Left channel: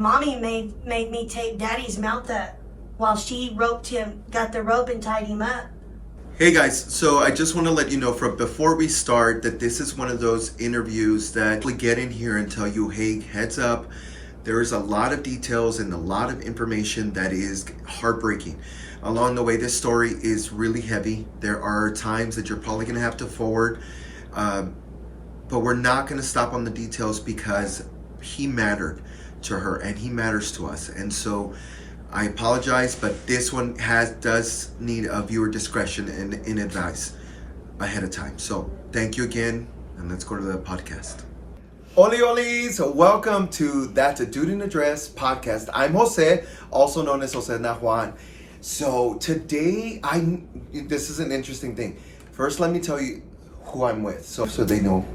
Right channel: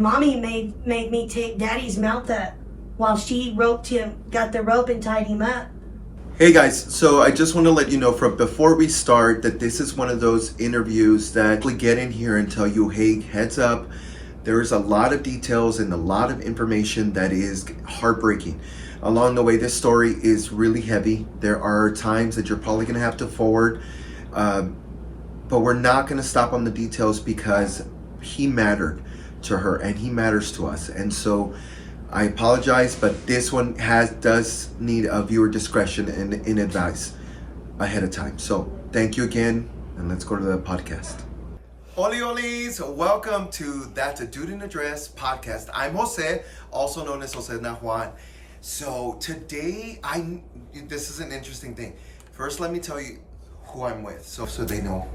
Mommy made me take Daddy's mouth up while she got the rope and tied him up. Hey guys, so I just want to let you know from before we start that this is one of those interviews that we get in here and tell you, hey, heads up, there is a lot of details and a lot of information that is heartbreaking. Along the way, this story is really heavy. There are times that you're probably going to have to forward, but we're not going to stop on the details because he mattered to her and he matters to us. And so I apologize, but this one does need a viewer discretion and in advice ahead of time. So thank you again, and let's go to the podcast. Oli Olis, welcome to That's a Dude in a Dress podcast. I'm Jose, also known as Jose Nahuan. So today, this is an interesting thing. First, let me tell you who I'm with, so they know.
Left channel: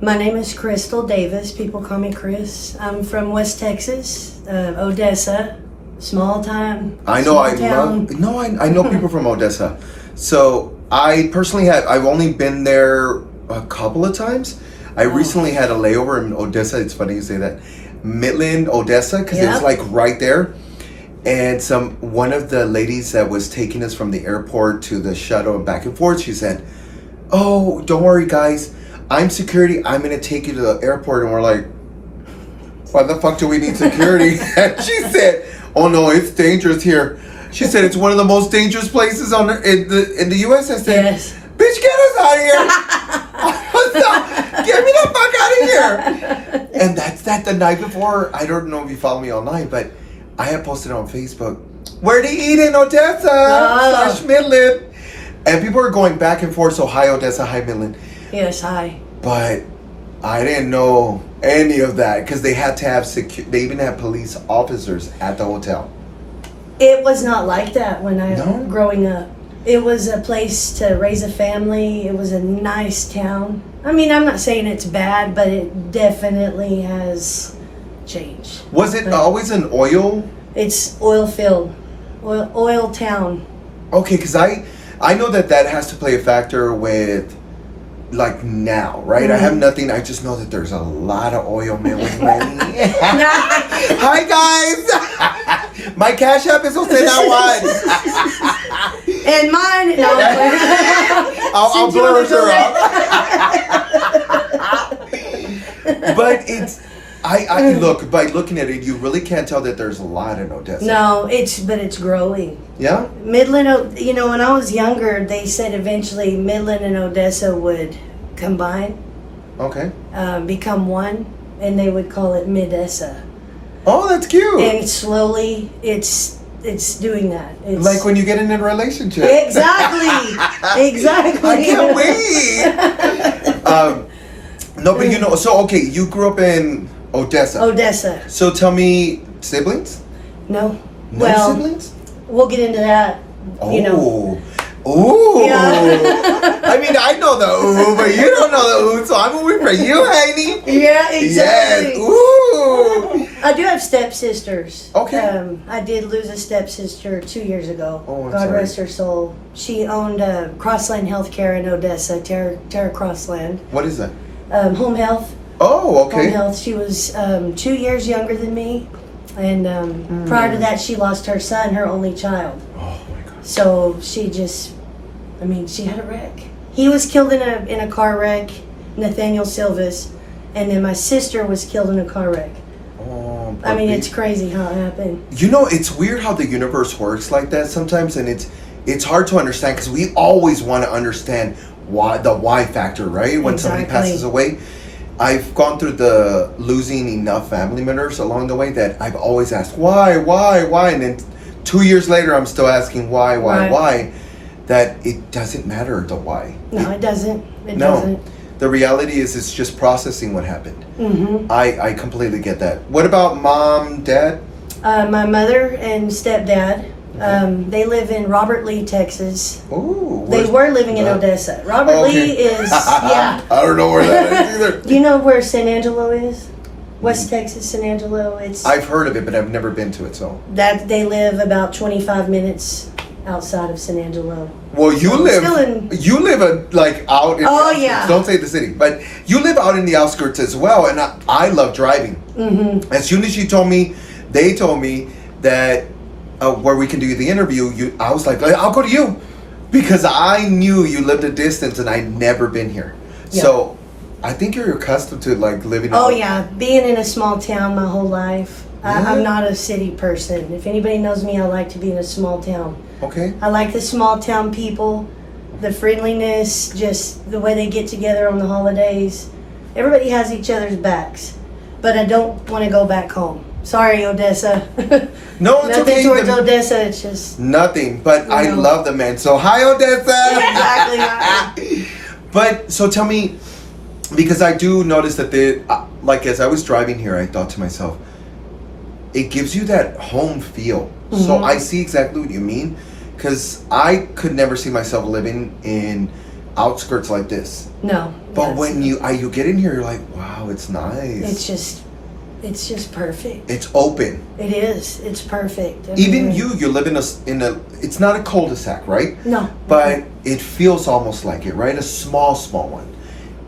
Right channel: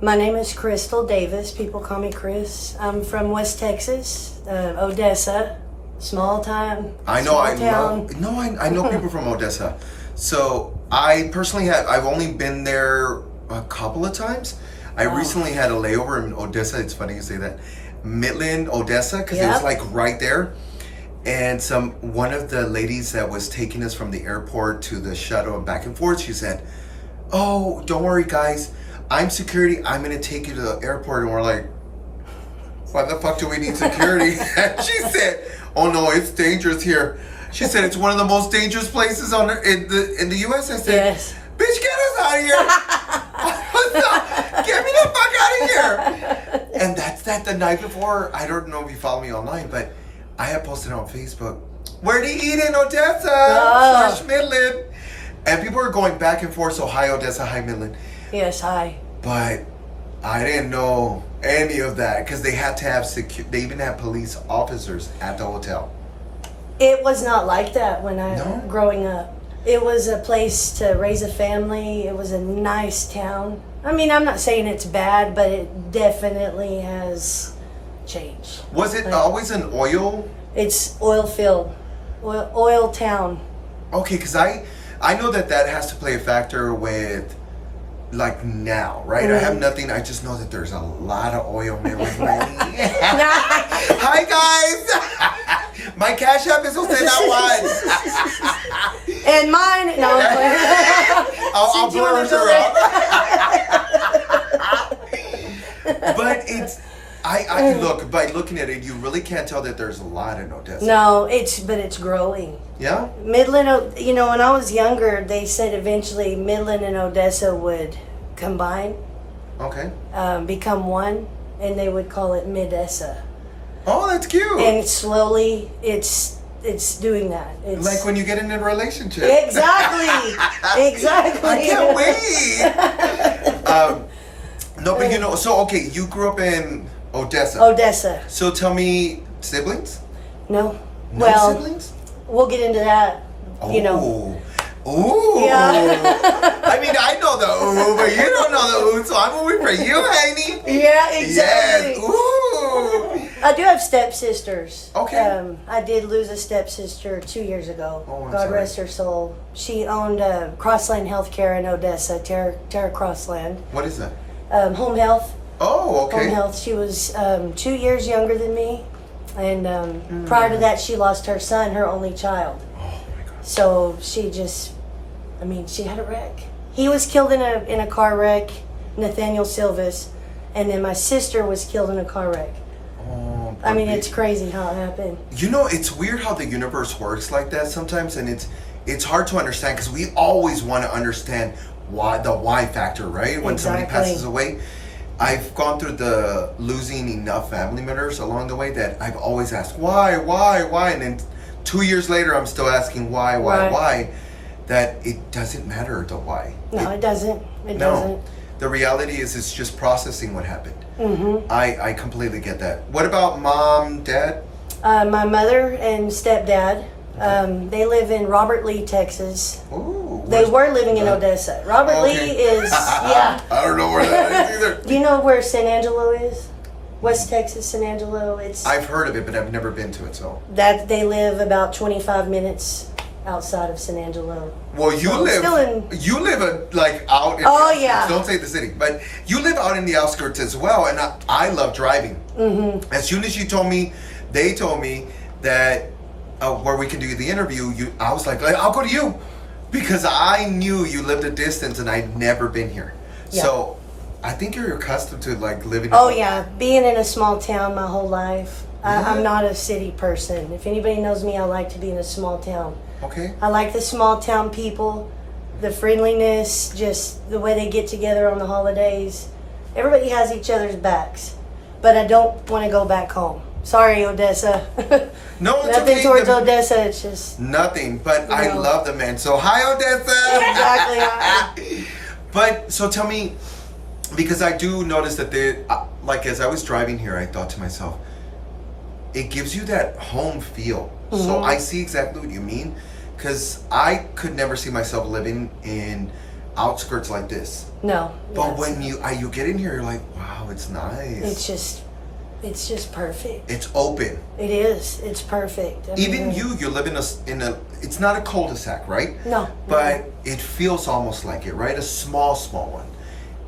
My name is Crystal Davis. People call me Krys. I'm from West Texas, Odessa. Small time. I know. I know people from Odessa. So I personally I've only been there a couple of times. I recently had a layover in Odessa. It's funny you say that. Midland, Odessa, because it was like right there. And one of the ladies that was taking us from the airport to the shuttle and back and forth, she said, "Oh, don't worry, guys. I'm security. I'm gonna take you to the airport." And we're like, "Why the fuck do we need security?" And she said, "Oh no, it's dangerous here." She said it's one of the most dangerous places in the U.S. I said, yes. "Bitch, get us out of here! Get me the fuck out of here!" And that's that. The night before, I don't know if you follow me online, but I had posted on Facebook, "Where to eat in Odessa / Midland," and people are going back and forth. So hi Odessa, hi Midland. Yes, hi. But I didn't know any of that because they had to have they even had police officers at the hotel. It was not like that when growing up. It was a place to raise a family. It was a nice town. I mean, I'm not saying it's bad, but it definitely has changed. Was it always an oil? It's oil field, oil town. Okay, because I know that has to play a factor with. Like now, right? Mm-hmm. I have nothing. I just know that there's a lot of oil men with money. Hi guys, my cash app is Jose Nahuan. And mine. No, I'll blur her out. But it's. I look by looking at it, you really can't tell that there's a lot in Odessa. No, it's growing. Yeah. Midland, when I was younger, they said eventually Midland and Odessa would combine. Okay. Become one, and they would call it Midessa. Oh, that's cute. And slowly, it's doing that. It's like when you get in a relationship. Exactly. Exactly. I can't wait. No, but so okay, you grew up in Odessa. Odessa. So tell me, siblings? No. No siblings? We'll get into that. Oh. Ooh. Yeah. I mean, I know the ooh, but you don't know the ooh, so I'm moving for you, Haney. Yeah, exactly. Yes. Ooh. I do have stepsisters. Okay. I did lose a stepsister 2 years ago. Oh, I'm God sorry. rest her soul. She owned Crossland Healthcare in Odessa, Terra Crossland. What is that? Home health. Oh, okay. Home health. She was 2 years younger than me, and prior to that, she lost her son, her only child. Oh my God. So she she had a wreck. He was killed in a car wreck, Nathaniel Silvis, and then my sister was killed in a car wreck. Oh. I mean, it's crazy how it happened. It's weird how the universe works like that sometimes, and it's hard to understand because we always want to understand the why factor, right? When somebody passes away. I've gone through the losing enough family members along the way that I've always asked why, and then 2 years later I'm still asking why. That it doesn't matter the why. No, it doesn't. It doesn't. The reality is it's just processing what happened. Mm-hmm. I completely get that. What about mom, dad? My mother and stepdad. They live in Robert Lee, Texas. Ooh, they were living in Odessa. Robert Lee is, I don't know where that is either. Do you know where San Angelo is? West Texas, San Angelo. I've heard of it, but I've never been to it. So that they live about 25 minutes outside of San Angelo. Well, you live like out in don't say the city, but you live out in the outskirts as well, and I love driving. Mm-hmm. As soon as you told me They told me that where we can do the interview, I was like, I'll go to you. Because I knew you lived a distance and I'd never been here. Yeah. So I think you're accustomed to like living. Oh yeah, being in a small town my whole life. I'm not a city person. If anybody knows me, I like to be in a small town. Okay. I like the small town people, the friendliness, just the way they get together on the holidays. Everybody has each other's backs. But I don't want to go back home. Sorry, Odessa. No, it's Nothing okay. towards Odessa. It's just nothing. But you I know. love the man. So hi, Odessa. Exactly. But so tell me, because I do notice that like as I was driving here, I thought to myself, it gives you that home feel. Mm-hmm. So I see exactly what you mean, because I could never see myself living in outskirts like this. No. But when you get in here, you're like, wow, it's nice. It's just perfect. It's open. It is. It's perfect. Even you live in a. It's not a cul-de-sac, right? No. But it feels almost like it, right? A small one.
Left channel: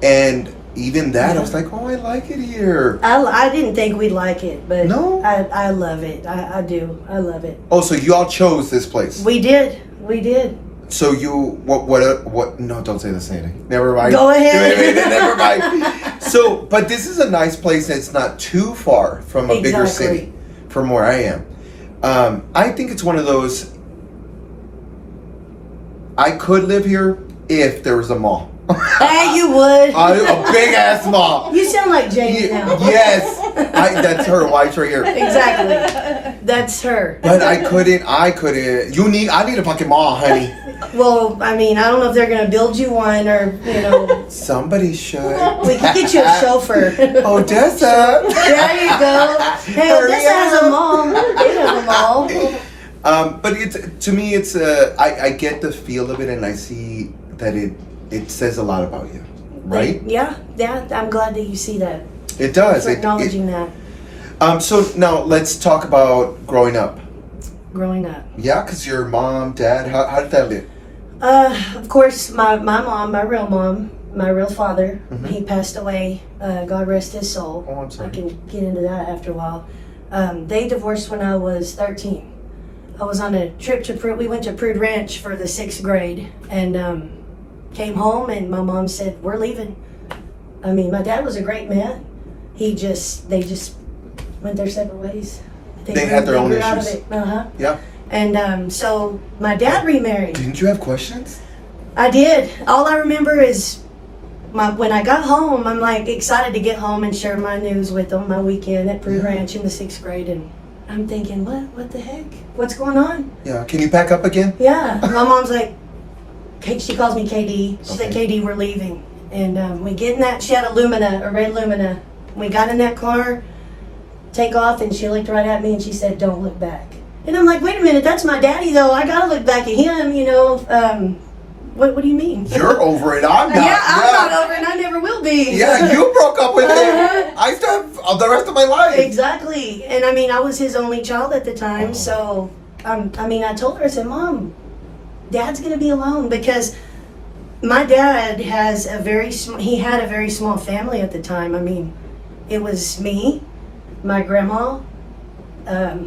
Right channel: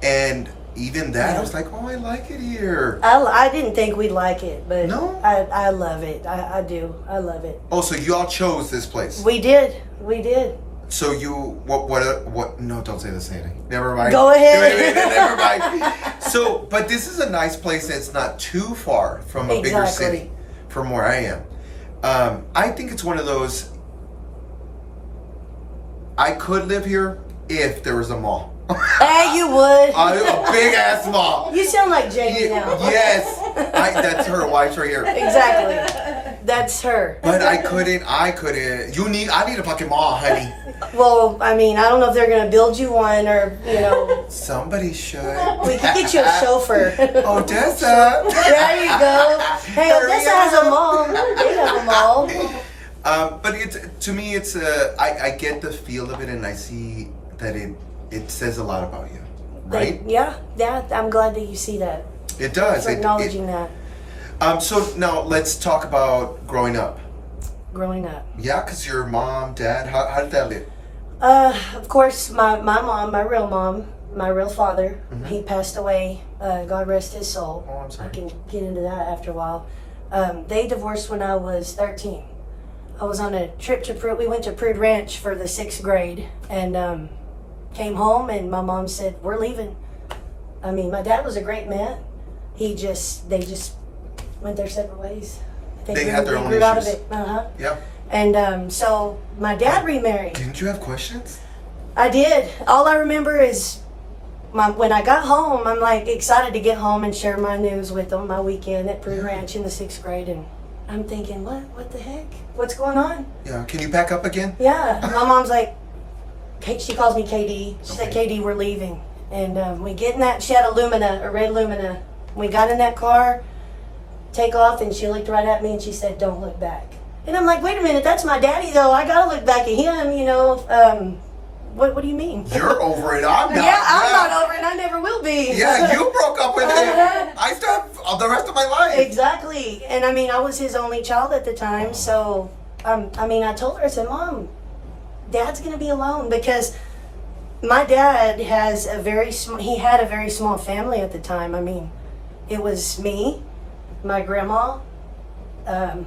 And even that, I was like, oh, I like it here. I didn't think we'd like it, but No? I love it. I do. I love it. Oh, so you all chose this place. We did. So you what? No, don't say the same. Never mind. Go ahead. Never mind. So, but this is a nice place that's not too far from a bigger Exactly. city, from where I am. I think it's one of those. I could live here if there was a mall. Hey, you would. A big ass mall. You sound like Jamie now. Yes, that's her. Wife's right here. Exactly. That's her. But I couldn't. I need a fucking mall, honey. Well, I mean, I don't know if they're gonna build you one or Somebody should. we could get you a chauffeur. Odessa. There you go. Hey, Hurry Odessa has up. a mall. They have a mall. But to me, I get the feel of it, and I see that it says a lot about you, right? Yeah. I'm glad that you see that. It does. For acknowledging that. So now let's talk about growing up. Growing up. Yeah, because your mom, dad, how did that live? Of course, my mom, my real father, Mhm. he passed away. God rest his soul. Oh, I'm sorry. I can get into that after a while. They divorced when I was 13. I was on a trip to Prude. We went to Prude Ranch for the 6th grade and came home and my mom said, we're leaving. I mean, my dad was a great man. They just went their separate ways. They had their own grew out of issues. it. Uh-huh. Yeah. And so my dad remarried. Didn't you have questions? I did. All I remember is when I got home, I'm like excited to get home and share my news with them, my weekend at Prude Ranch in the 6th grade. And I'm thinking, what the heck? What's going on? Yeah. Can you pack up again? Yeah. My mom's like, she calls me KD. She said, Okay. KD, we're leaving. And we get in that, she had a red Lumina. We got in that car, take off, and she looked right at me and she said, don't look back. And I'm like, wait a minute, that's my daddy though. I gotta look back at him, What do you mean? You're over it. I'm not. Yeah, I'm not over it and I never will be. Yeah, you broke up with Uh-huh. him. I still have the rest of my life. Exactly. And I mean, I was his only child at the time, so I told her, I said, Mom, Dad's gonna be alone because my dad has he had a very small family at the time. I mean, it was me, my grandma. I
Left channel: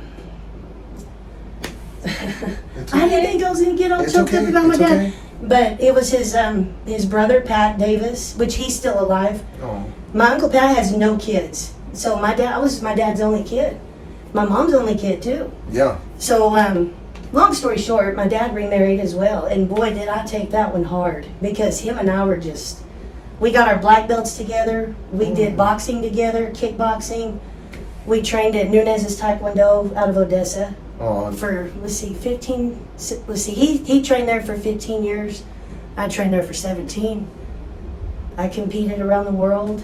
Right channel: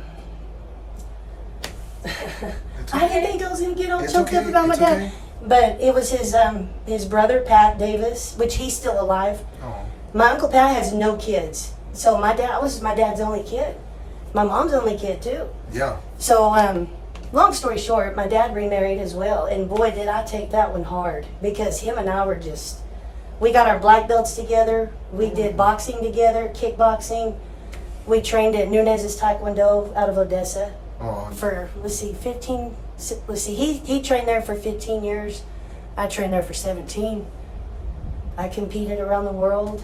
didn't think I was gonna get all choked up about my dad. Okay. But it was his brother Pat Davis, which he's still alive. Oh. My Uncle Pat has no kids. So I was my dad's only kid. My mom's only kid too. Yeah. So long story short, my dad remarried as well. And boy, did I take that one hard. Because him and I were we got our black belts together. We did boxing together, kickboxing. We trained at Nunez's Taekwondo out of Odessa. Oh. For he trained there for 15 years. I trained there for 17. I competed around the world.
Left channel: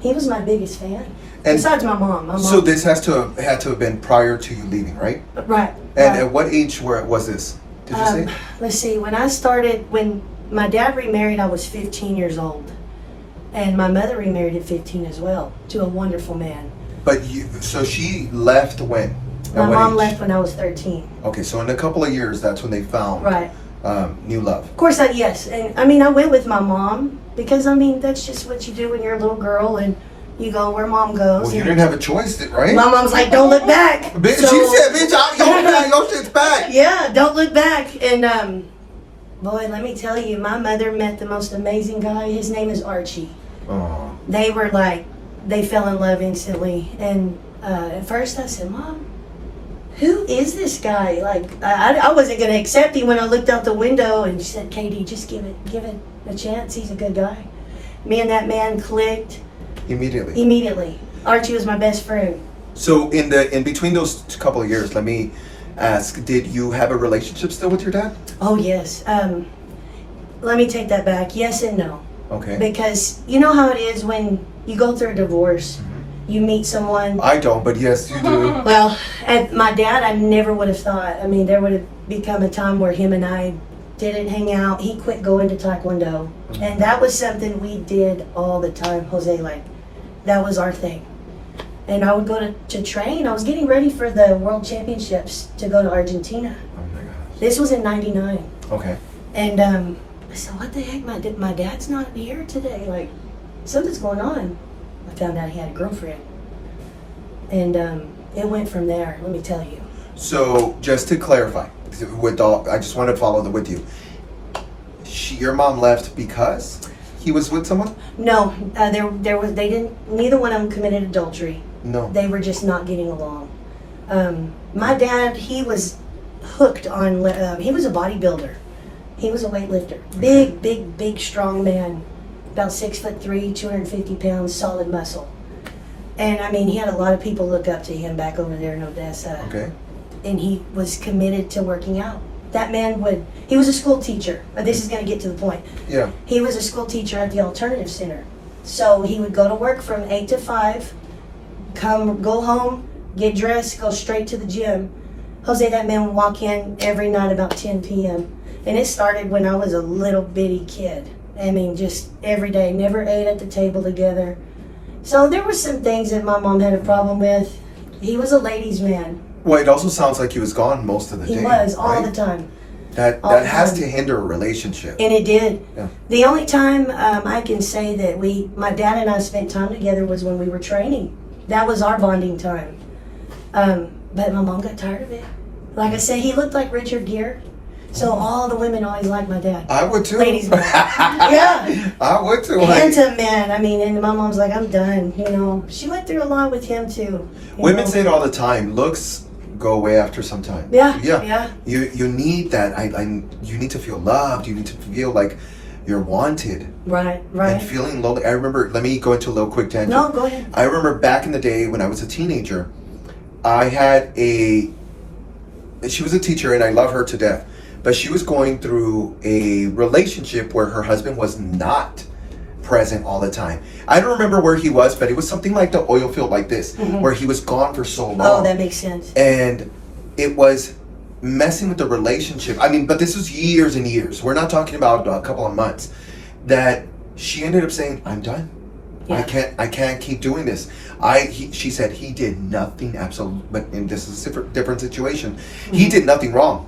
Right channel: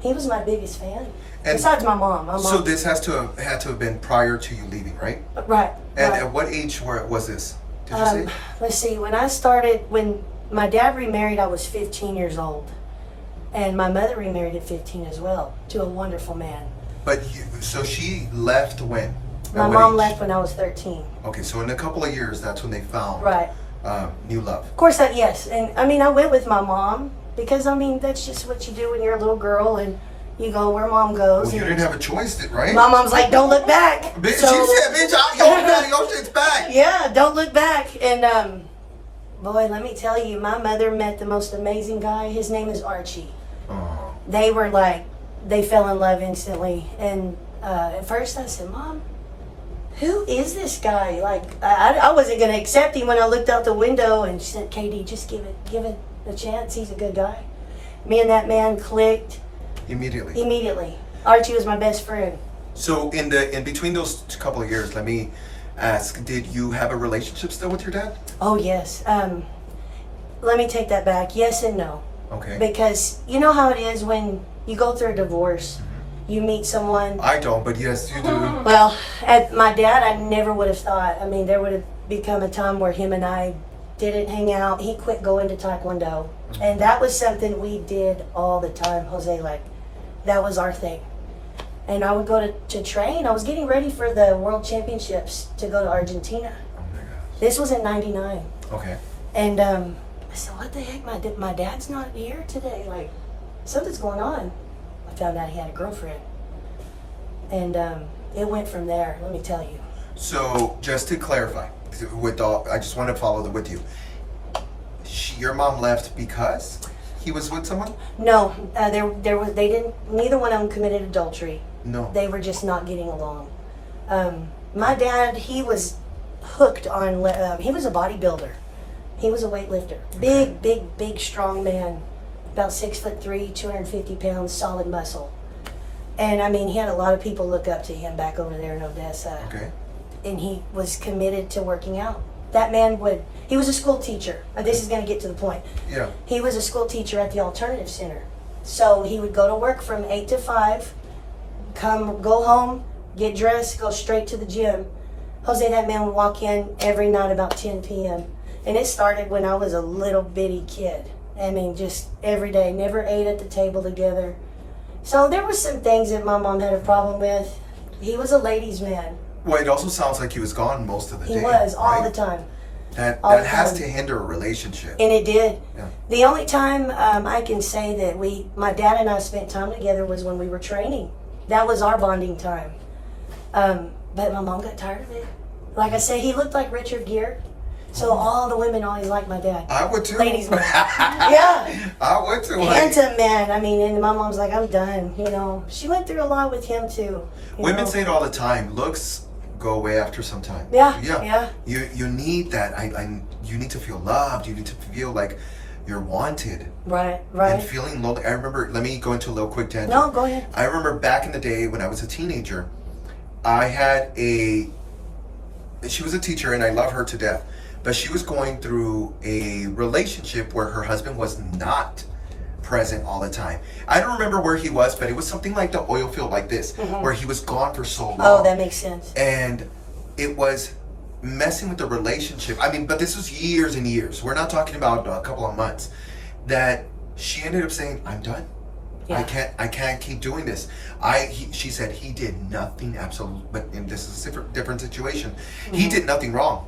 He was my biggest fan. And besides my mom. So this had to have been prior to you leaving, right? Right. And right. at what age was this? Did you say? Let's see. When my dad remarried, I was 15 years old, and my mother remarried at 15 as well to a wonderful man. But so she left when? My mom left when I was 13. Okay, so in a couple of years, that's when they found Right. new love. Of course, yes. And I mean, I went with my mom because, I mean, that's just what you do when you're a little girl. And, You go where mom goes. Well, you didn't have a choice, right? My mom's like, don't look back. Bitch, she said, bitch, your shit's back. Yeah, don't look back. And boy, let me tell you, my mother met the most amazing guy. His name is Archie. Oh. They were like, they fell in love instantly. And at first I said, Mom, who is this guy? Like, I wasn't going to accept him when I looked out the window, and she said, Katie, just give it a chance. He's a good guy. Me and that man clicked. Immediately. Archie was my best friend. So in between those couple of years, let me ask, did you have a relationship still with your dad? Oh, yes. Let me take that back. Yes and no. Okay. Because you know how it is when you go through a divorce. You meet someone. I don't, but yes, you do. Well, at my dad, I never would have thought. I mean, there would have become a time where him and I didn't hang out. He quit going to Taekwondo. And that was something we did all the time, Jose. Like, that was our thing. And I would go to train. I was getting ready for the World Championships to go to Argentina. Oh my gosh. This was in '99. Okay. And I said, what the heck? My dad's not here today. Like, something's going on. I found out he had a girlfriend. And it went from there, let me tell you. So, just to clarify, I just want to follow with you. Your mom left because he was with someone? No, neither one of them committed adultery. No. They were just not getting along. My dad, he was hooked on, he was a bodybuilder. He was a weightlifter. Big, strong man. About 6'3", 250 pounds, solid muscle. And I mean, he had a lot of people look up to him back over there in Odessa. Okay. And he was committed to working out. That man he was a school teacher. This is going to get to the point. Yeah. He was a school teacher at the Alternative Center. So he would go to work from 8 to 5, go home, get dressed, go straight to the gym. Jose, that man would walk in every night about 10 p.m. And it started when I was a little bitty kid. I mean, just every day, never ate at the table together. So there were some things that my mom had a problem with. He was a ladies' man. Well, it also sounds like he was gone most of the day. He was, right? all the time. That has to hinder a relationship. And it did. Yeah. The only time I can say that my dad and I spent time together was when we were training. That was our bonding time. But my mom got tired of it. Like I said, he looked like Richard Gere. So all the women always liked my dad. I would too. Ladies man. Yeah. I would too. Handsome man. I mean, and my mom's like, I'm done. You know, she went through a lot with him too. Women say it all the time. Looks go away after some time. Yeah. You need that. You need to feel loved. You need to feel like you're wanted. Right. And feeling lonely. I remember. Let me go into a little quick tangent. No, go ahead. I remember back in the day when I was a teenager, I had she was a teacher and I love her to death. But she was going through a relationship where her husband was not present all the time. I don't remember where he was, but it was something like the oil field like this, where he was gone for so long. Oh, that makes sense. And it was messing with the relationship. I mean, but this was years and years. We're not talking about a couple of months. That she ended up saying, I'm done. Yeah. I can't keep doing this. She said he did nothing absolutely, but and this is a different situation. He did nothing wrong.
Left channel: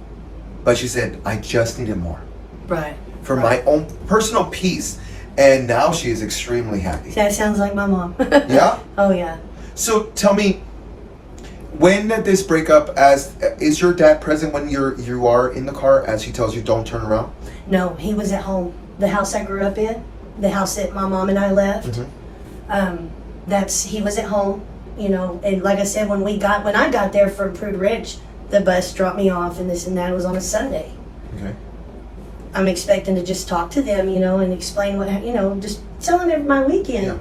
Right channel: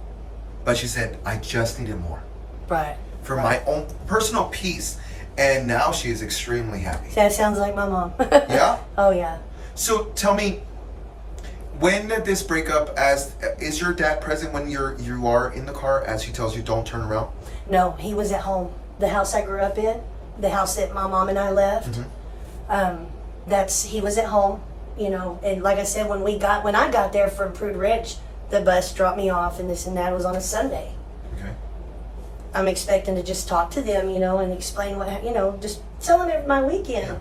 But she said, I just needed more. Right. For my own personal peace. And now she is extremely happy. That sounds like my mom. Yeah? Oh, yeah. So tell me, when did this break up? Is your dad present when you are in the car as he tells you don't turn around? No, he was at home. The house I grew up in, the house that my mom and I left, he was at home, you know. And like I said, when I got there from Prude Ridge, the bus dropped me off and this and that. It was on a Sunday. Okay. I'm expecting to just talk to them, you know, and explain just tell them my weekend. Yeah.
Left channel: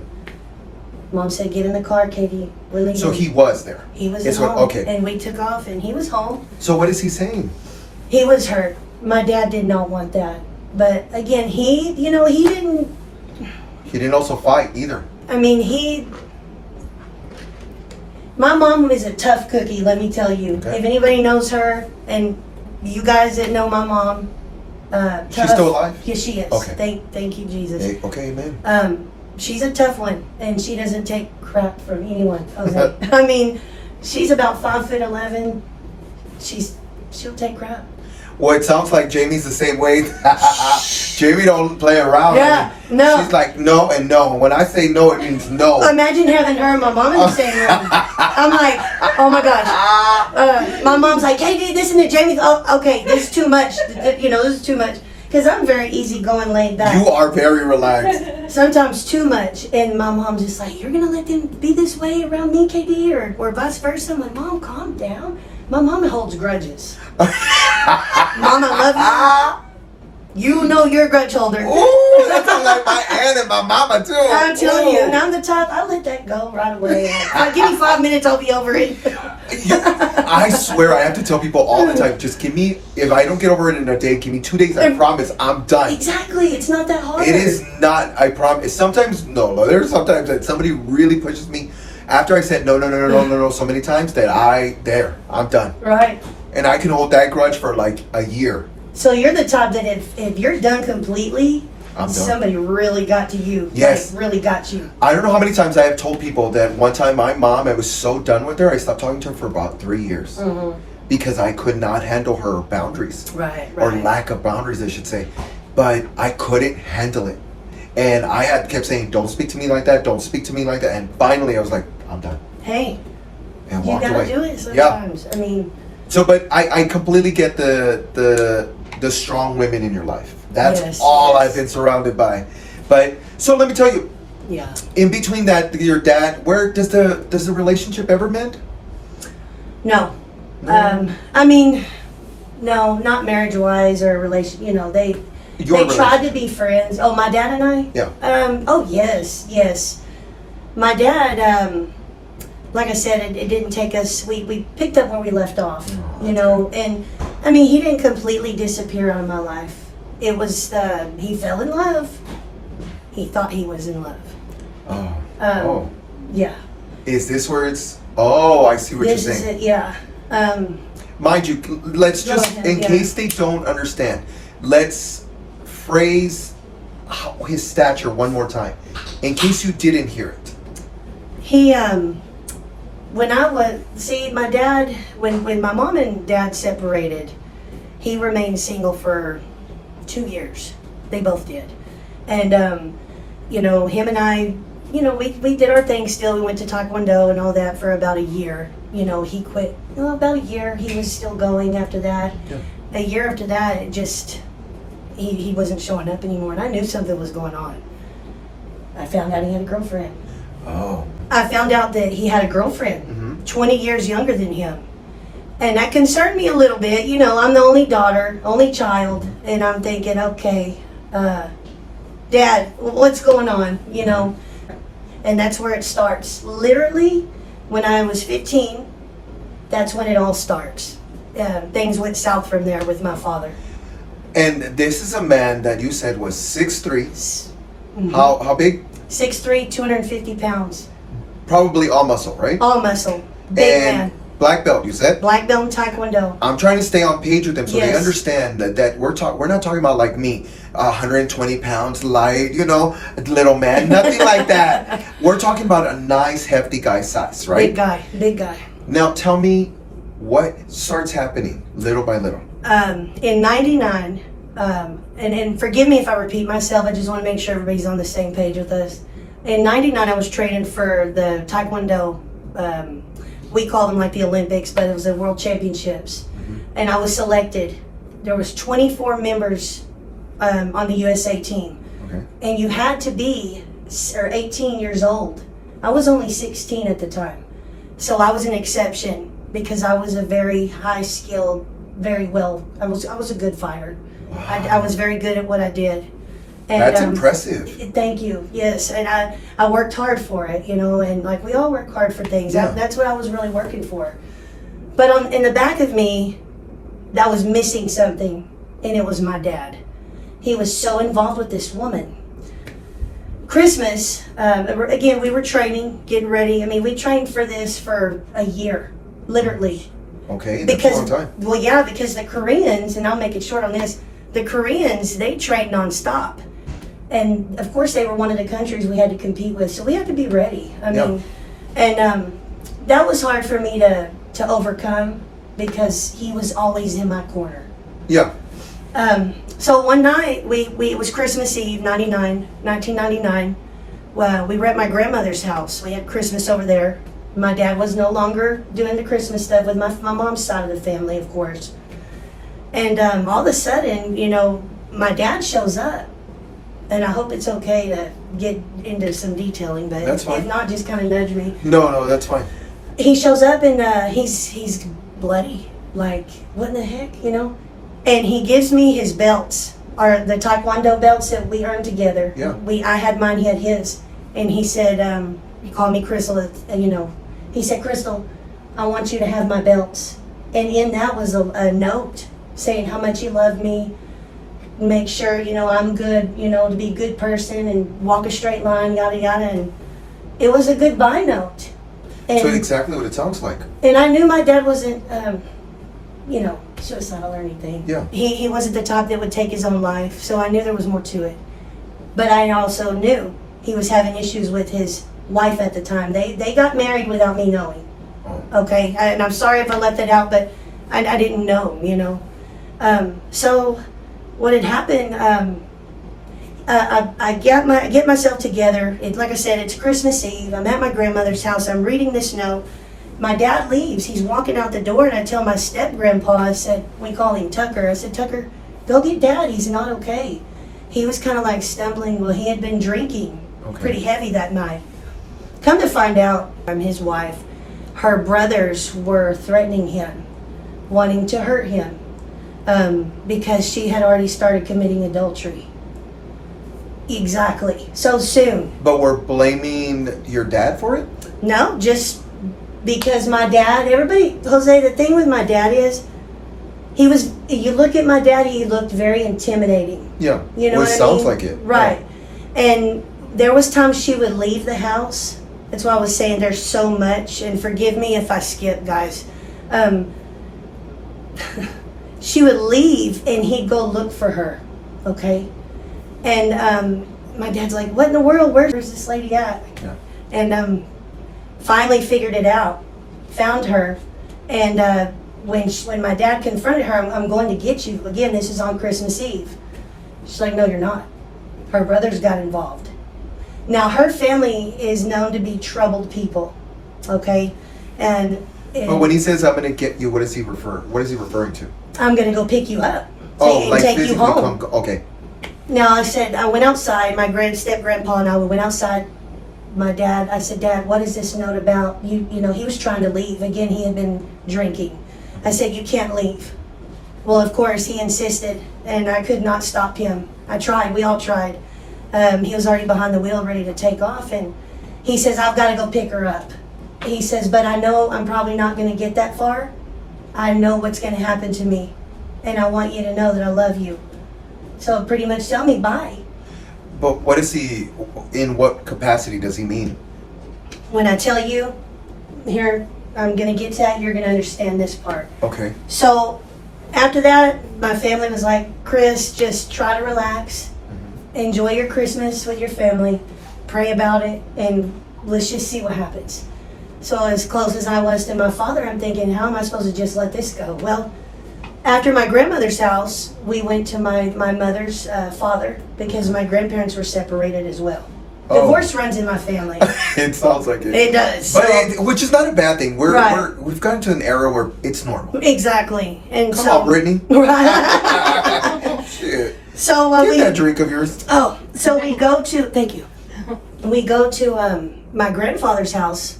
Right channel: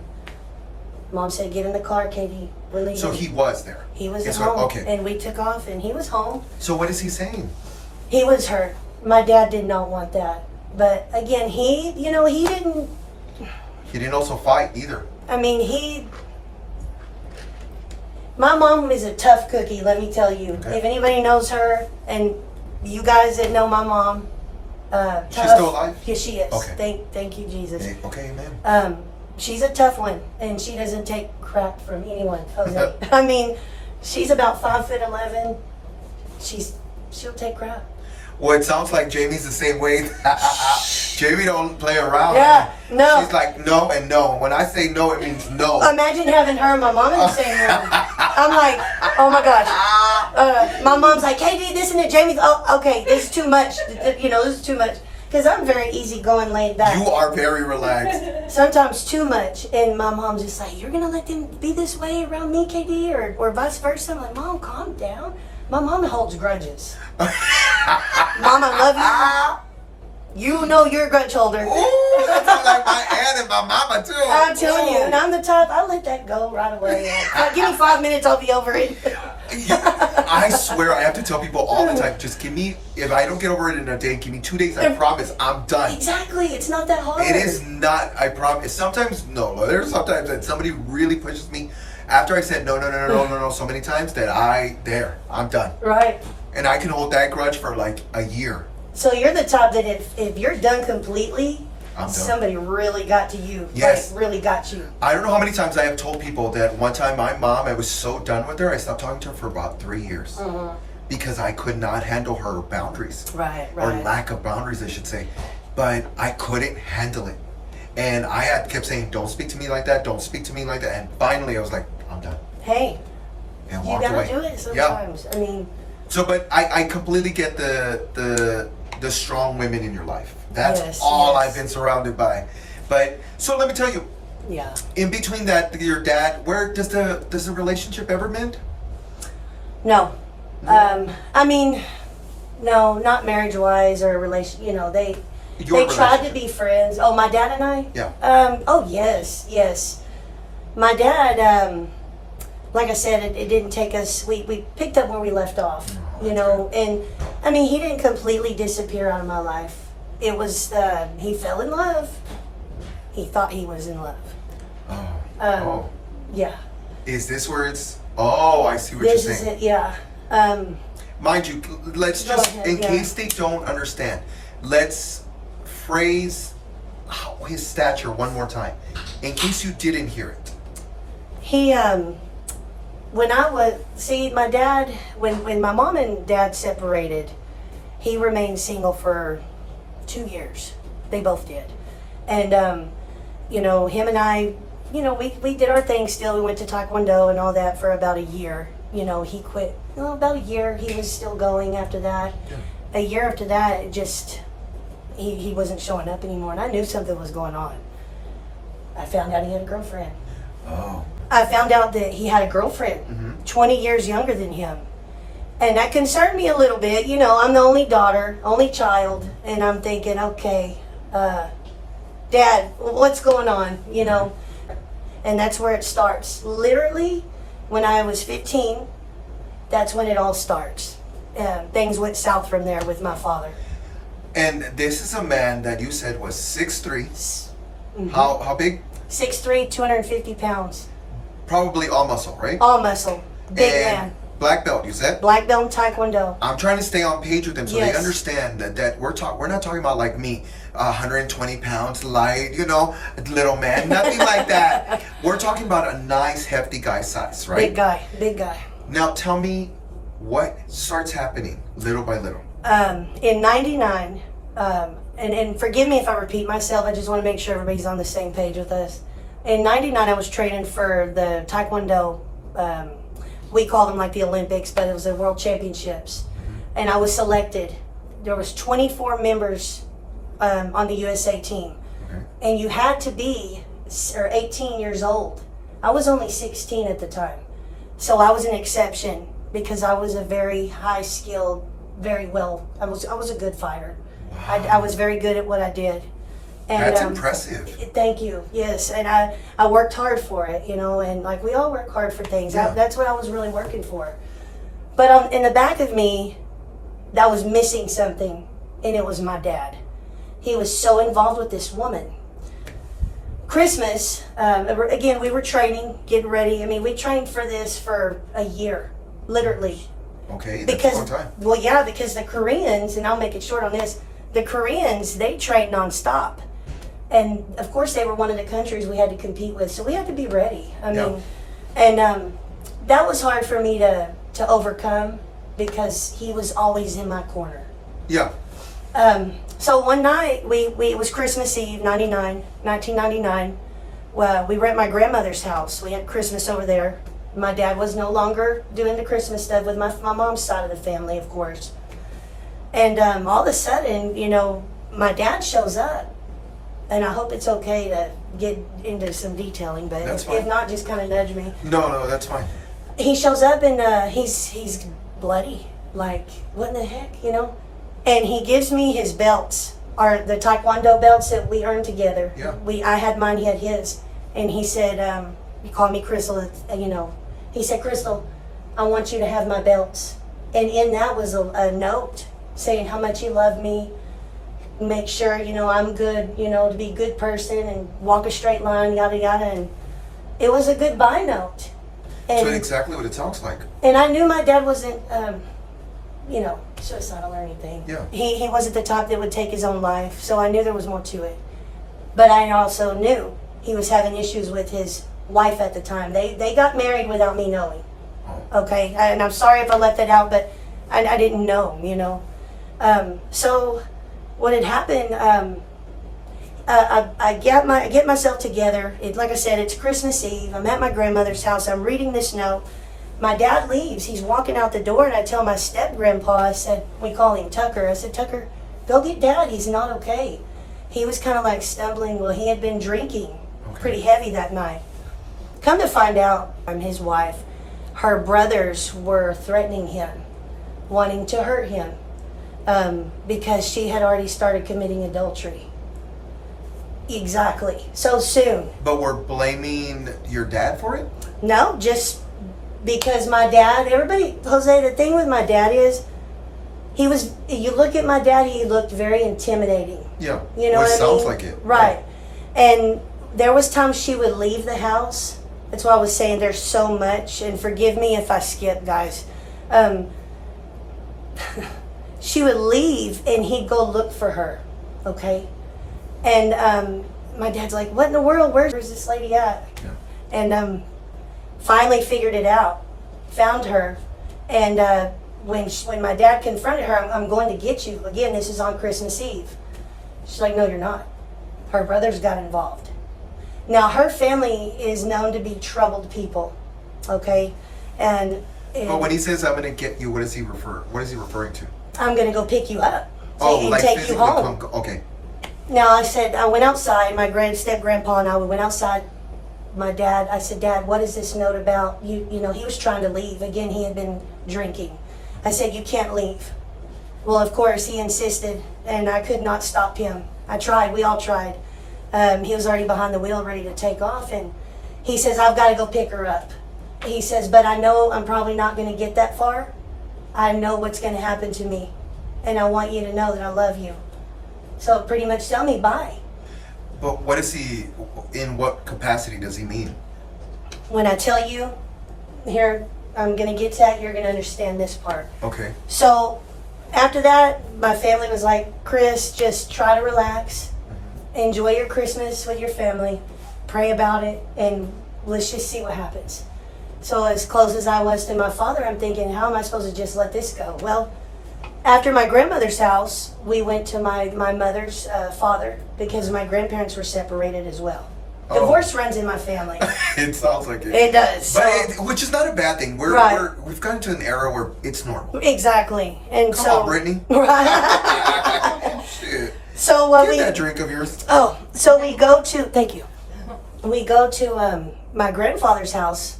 Mom said, get in the car, Katie. We're leaving. So he was there. He was at home. Okay. And we took off and he was home. So what is he saying? He was hurt. My dad did not want that. But again, he didn't. He didn't also fight either. I mean, my mom is a tough cookie, let me tell you. Okay. If anybody knows her, and you guys that know my mom, she's still alive? Yeah, she is. Okay. Thank you, Jesus. Hey, okay, amen. She's a tough one, and she doesn't take crap from anyone. I mean, she's about 5'11". She'll take crap. Well, it sounds like Jamie's the same way. Jamie don't play around. Yeah, no. She's like no and no. When I say no, it means no. Imagine having her and my mom in the same room. I'm like, oh my gosh. My mom's like, hey, this and it. Jamie, oh, okay, this is too much. You know, this is too much. Because I'm very easygoing, laid back. You are very relaxed. Sometimes too much. And my mom's just like, you're going to let them be this way around me, KD, or vice versa? I'm like, Mom, calm down. My mom holds grudges. Mom, I love you. You know you're a grudge holder. Ooh, that sounds like my aunt and my mama too. I'm telling you, and I'm the type, I let that go right away. Like, give me 5 minutes, I'll be over it. I swear, I have to tell people all the time, just give me, if I don't get over it in a day, give me 2 days, I promise, I'm done. Exactly, it's not that hard. It is not, I promise. Sometimes, no, there's sometimes that somebody really pushes me after I said no so many times that I'm done. Right. And I can hold that grudge for like a year. So you're the type that if you're done completely, I'm done. Somebody really got to you. Yes. Like, really got you. I don't know how many times I have told people that one time my mom, I was so done with her, I stopped talking to her for about 3 years. Mm-hmm. Because I could not handle her boundaries. Right. Or lack of boundaries, I should say. But I couldn't handle it. And I kept saying, don't speak to me like that, don't speak to me like that. And finally I was like, I'm done. Hey, and you walked gotta away. do it sometimes. Yeah. I mean. So, but I completely get the strong women in your life. That's all I've been surrounded by. But so let me tell you. Yeah. In between that, your dad, where does the relationship ever mend? No. I mean, no, not marriage wise or relation. You know, they tried to be friends. Oh, my dad and I. Yeah. Oh yes. My dad. Like I said, it didn't take us. We picked up where we left off. You know, and I mean, he didn't completely disappear out of my life. It was he fell in love. He thought he was in love. Yeah. Is this where it's? Oh, I see what you're saying. This is it. Yeah. Mind you, let's just in case they don't understand, let's phrase his stature one more time, in case you didn't hear it. He when my dad, when my mom and dad separated, he remained single for 2 years. They both did. And, you know, him and I, you know, we did our thing still. We went to Taekwondo and all that for about a year. You know, he quit, about a year. He was still going after that. Yeah. A year after that, it just, he wasn't showing up anymore. And I knew something was going on. I found out he had a girlfriend. Oh. I found out that he had a girlfriend, 20 years younger than him. And that concerned me a little bit. You know, I'm the only daughter, only child. And I'm thinking, okay, Dad, what's going on? You know? And that's where it starts. Literally, when I was 15, that's when it all starts. Things went south from there with my father. And this is a man that you said was 6'3". Mm-hmm. How big? 6'3", 250 pounds. Probably all muscle, right? All muscle. Big man. Black belt, you said? Black belt in Taekwondo. I'm trying to stay on page with them so they understand that we're not talking about like me, 120 pounds, light, you know, little man, nothing like that. We're talking about a nice, hefty guy size, right? Big guy. Now tell me what starts happening little by little. In 99, and forgive me if I repeat myself, I just want to make sure everybody's on the same page with us. In 99, I was training for the Taekwondo, we call them like the Olympics, but it was the World Championships. Mm-hmm. And I was selected. There was 24 members on the USA team. Okay. And you had to be 18 years old. I was only 16 at the time. So I was an exception because I was a very high skilled, I was a good fighter. Wow. I was very good at what I did. And, that's impressive. Thank you. Yes, and I worked hard for it, you know, and like we all work hard for things. Yeah. That's what I was really working for. But in the back of me, I was missing something, and it was my dad. He was so involved with this woman. Christmas, again, we were training, getting ready. I mean, we trained for this for a year, literally. Okay, that's a long time. Well, yeah, because the Koreans, and I'll make it short on this, the Koreans, they trained nonstop. And of course, they were one of the countries we had to compete with, so we had to be ready. I mean, and that was hard for me to overcome because he was always in my corner. Yeah. So one night, it was Christmas Eve, 1999. Well, we were at my grandmother's house. We had Christmas over there. My dad was no longer doing the Christmas stuff with my mom's side of the family, of course. And all of a sudden, you know, my dad shows up. And I hope it's okay to get into some detailing, but That's fine. if not, just kind of nudge me. No, that's fine. He shows up and he's bloody. Like, what in the heck, you know? And he gives me his belts, or the Taekwondo belts that we earned together. Yeah. I had mine, he had his. And he said, he called me Crystal, you know. He said, Crystal, I want you to have my belts. And in that was a note saying how much he loved me. Make sure, you know, I'm good, you know, to be a good person and walk a straight line, yada, yada. And it was a goodbye note. And, So exactly what it sounds like. and I knew my dad wasn't, you know, suicidal or anything. Yeah. He wasn't the type that would take his own life, so I knew there was more to it. But I also knew he was having issues with his wife at the time. They got married without me knowing. Oh. Okay, and I'm sorry if I left that out, but I didn't know, you know. So what had happened, I get myself together. Like I said, it's Christmas Eve. I'm at my grandmother's house. I'm reading this note. My dad leaves. He's walking out the door, and I tell my step-grandpa, I said, we call him Tucker. I said, Tucker, go get Dad. He's not okay. He was kind of like stumbling. Well, he had been drinking pretty heavy that night. Come to find out, I'm his wife. Her brothers were threatening him, wanting to hurt him, because she had already started committing adultery. Exactly. So soon. But we're blaming your dad for it? No, just because my dad, Jose, the thing with my dad is, you look at my dad, he looked very intimidating. Yeah. You know Well, what it I sounds mean? like it. Right. And there was times she would leave the house. That's why I was saying there's so much, and forgive me if I skip, guys. She would leave, and he'd go look for her, okay? And my dad's like, what in the world? Where's this lady at? Yeah. And finally figured it out, found her, and when my dad confronted her, I'm going to get you. Again, this is on Christmas Eve. She's like, no, you're not. Her brothers got involved. Now, her family is known to be troubled people, okay? And But when he says I'm gonna get you, what is he referring to? I'm going to go pick you up Oh, and like take you physically home. Okay. Now, I went outside. My step-grandpa and I went outside. My dad, I said, Dad, what is this note about? You know, he was trying to leave. Again, he had been drinking. I said, you can't leave. Well, of course, he insisted, and I could not stop him. I tried. We all tried. He was already behind the wheel, ready to take off, and he says, I've got to go pick her up. He says, but I know I'm probably not going to get that far. I know what's going to happen to me, and I want you to know that I love you. So pretty much tell me bye. But what is he, in what capacity does he mean? When I tell you, here, I'm going to get to that, you're going to understand this part. Okay. So after that, my family was like, Krys, just try to relax. Enjoy your Christmas with your family. Pray about it, and let's just see what happens. So as close as I was to my father, I'm thinking, how am I supposed to just let this go? Well, after my grandmother's house, we went to my mother's father, because my grandparents were separated as well. Oh. Divorce runs in my family. It sounds like it. It does. But which is not a bad thing. Right. We've gotten to an era where it's normal. Exactly. And Come so, on, Brittany. Right. Shit. So Get that drink of yours. Oh, so we go to, thank you. We go to my grandfather's house.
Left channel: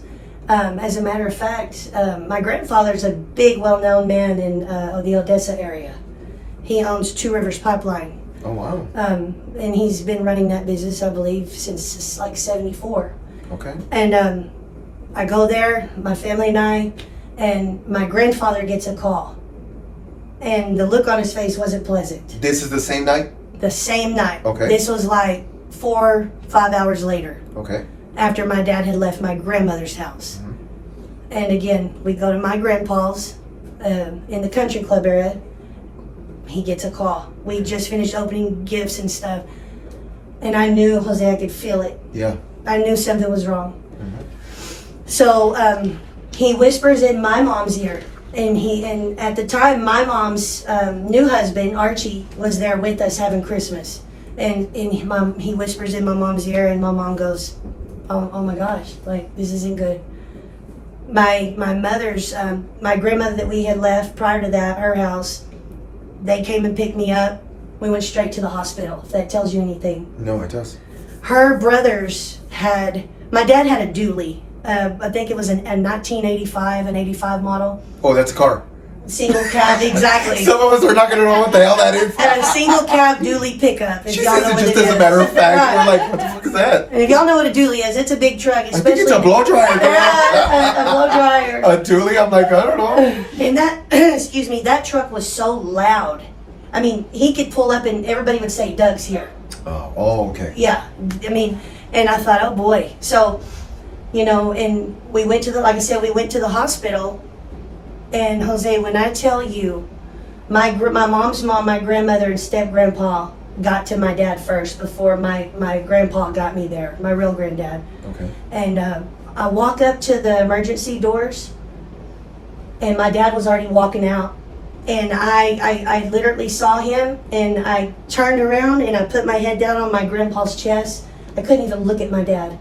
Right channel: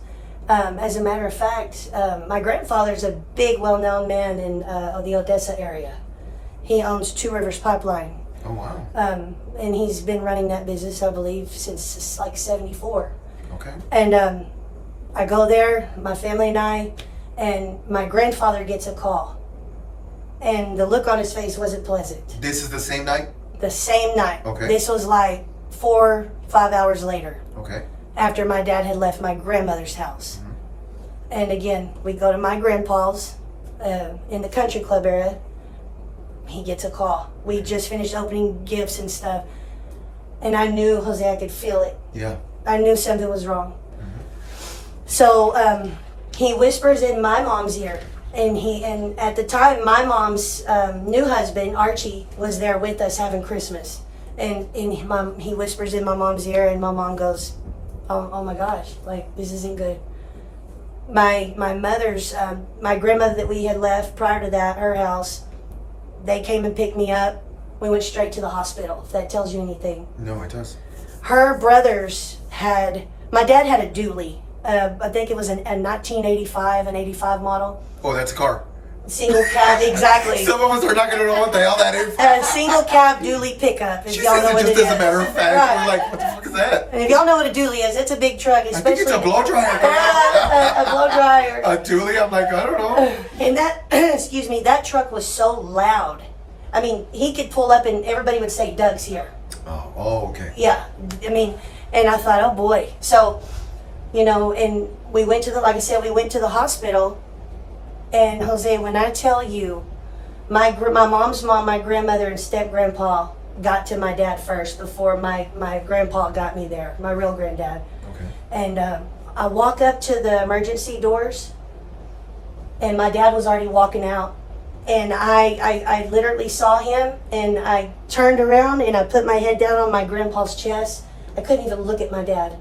As a matter of fact, my grandfather's a big, well-known man in the Odessa area. He owns Two Rivers Pipeline. Oh, wow. And he's been running that business, I believe, since like 74. Okay. And I go there, my family and I, and my grandfather gets a call. And the look on his face wasn't pleasant. This is the same night? The same night. Okay. This was like 4-5 hours later, Okay. after my dad had left my grandmother's house. Mhm. And again, we go to my grandpa's in the country club area. He gets a call. We just finished opening gifts and stuff. And I knew, Jose, I could feel it. Yeah. I knew something was wrong. Mhm. So he whispers in my mom's ear, And at the time, my mom's new husband, Archie, was there with us having Christmas. And he whispers in my mom's ear, and my mom goes, oh my gosh, like, this isn't good. My mother's, my grandmother that we had left prior to that, her house, they came and picked me up. We went straight to the hospital, if that tells you anything. No, it does. Her brothers my dad had a dually. I think it was a 1985, an 85 model. Oh, that's a car. Single cab, exactly. Some of us are not going to know what the hell that is. A single cab dually pickup. If She y'all says know it what just it as is. a matter of fact. Right. We're like, what the fuck is that? And if y'all know what a dually is, it's a big truck. I think it's a blow dryer. A blow dryer. A dually? I'm like, I don't know. And that, excuse me, that truck was so loud. I mean, he could pull up and everybody would say, Doug's here. Oh, okay. Yeah. I mean, and I thought, oh boy. So, you know, and we went to like I said, we went to the hospital. And Jose, when I tell you, my mom's mom, my grandmother, and step-grandpa got to my dad first before my grandpa got me there, my real granddad. Okay. And I walk up to the emergency doors, and my dad was already walking out. And I literally saw him, and I turned around, and I put my head down on my grandpa's chest. I couldn't even look at my dad.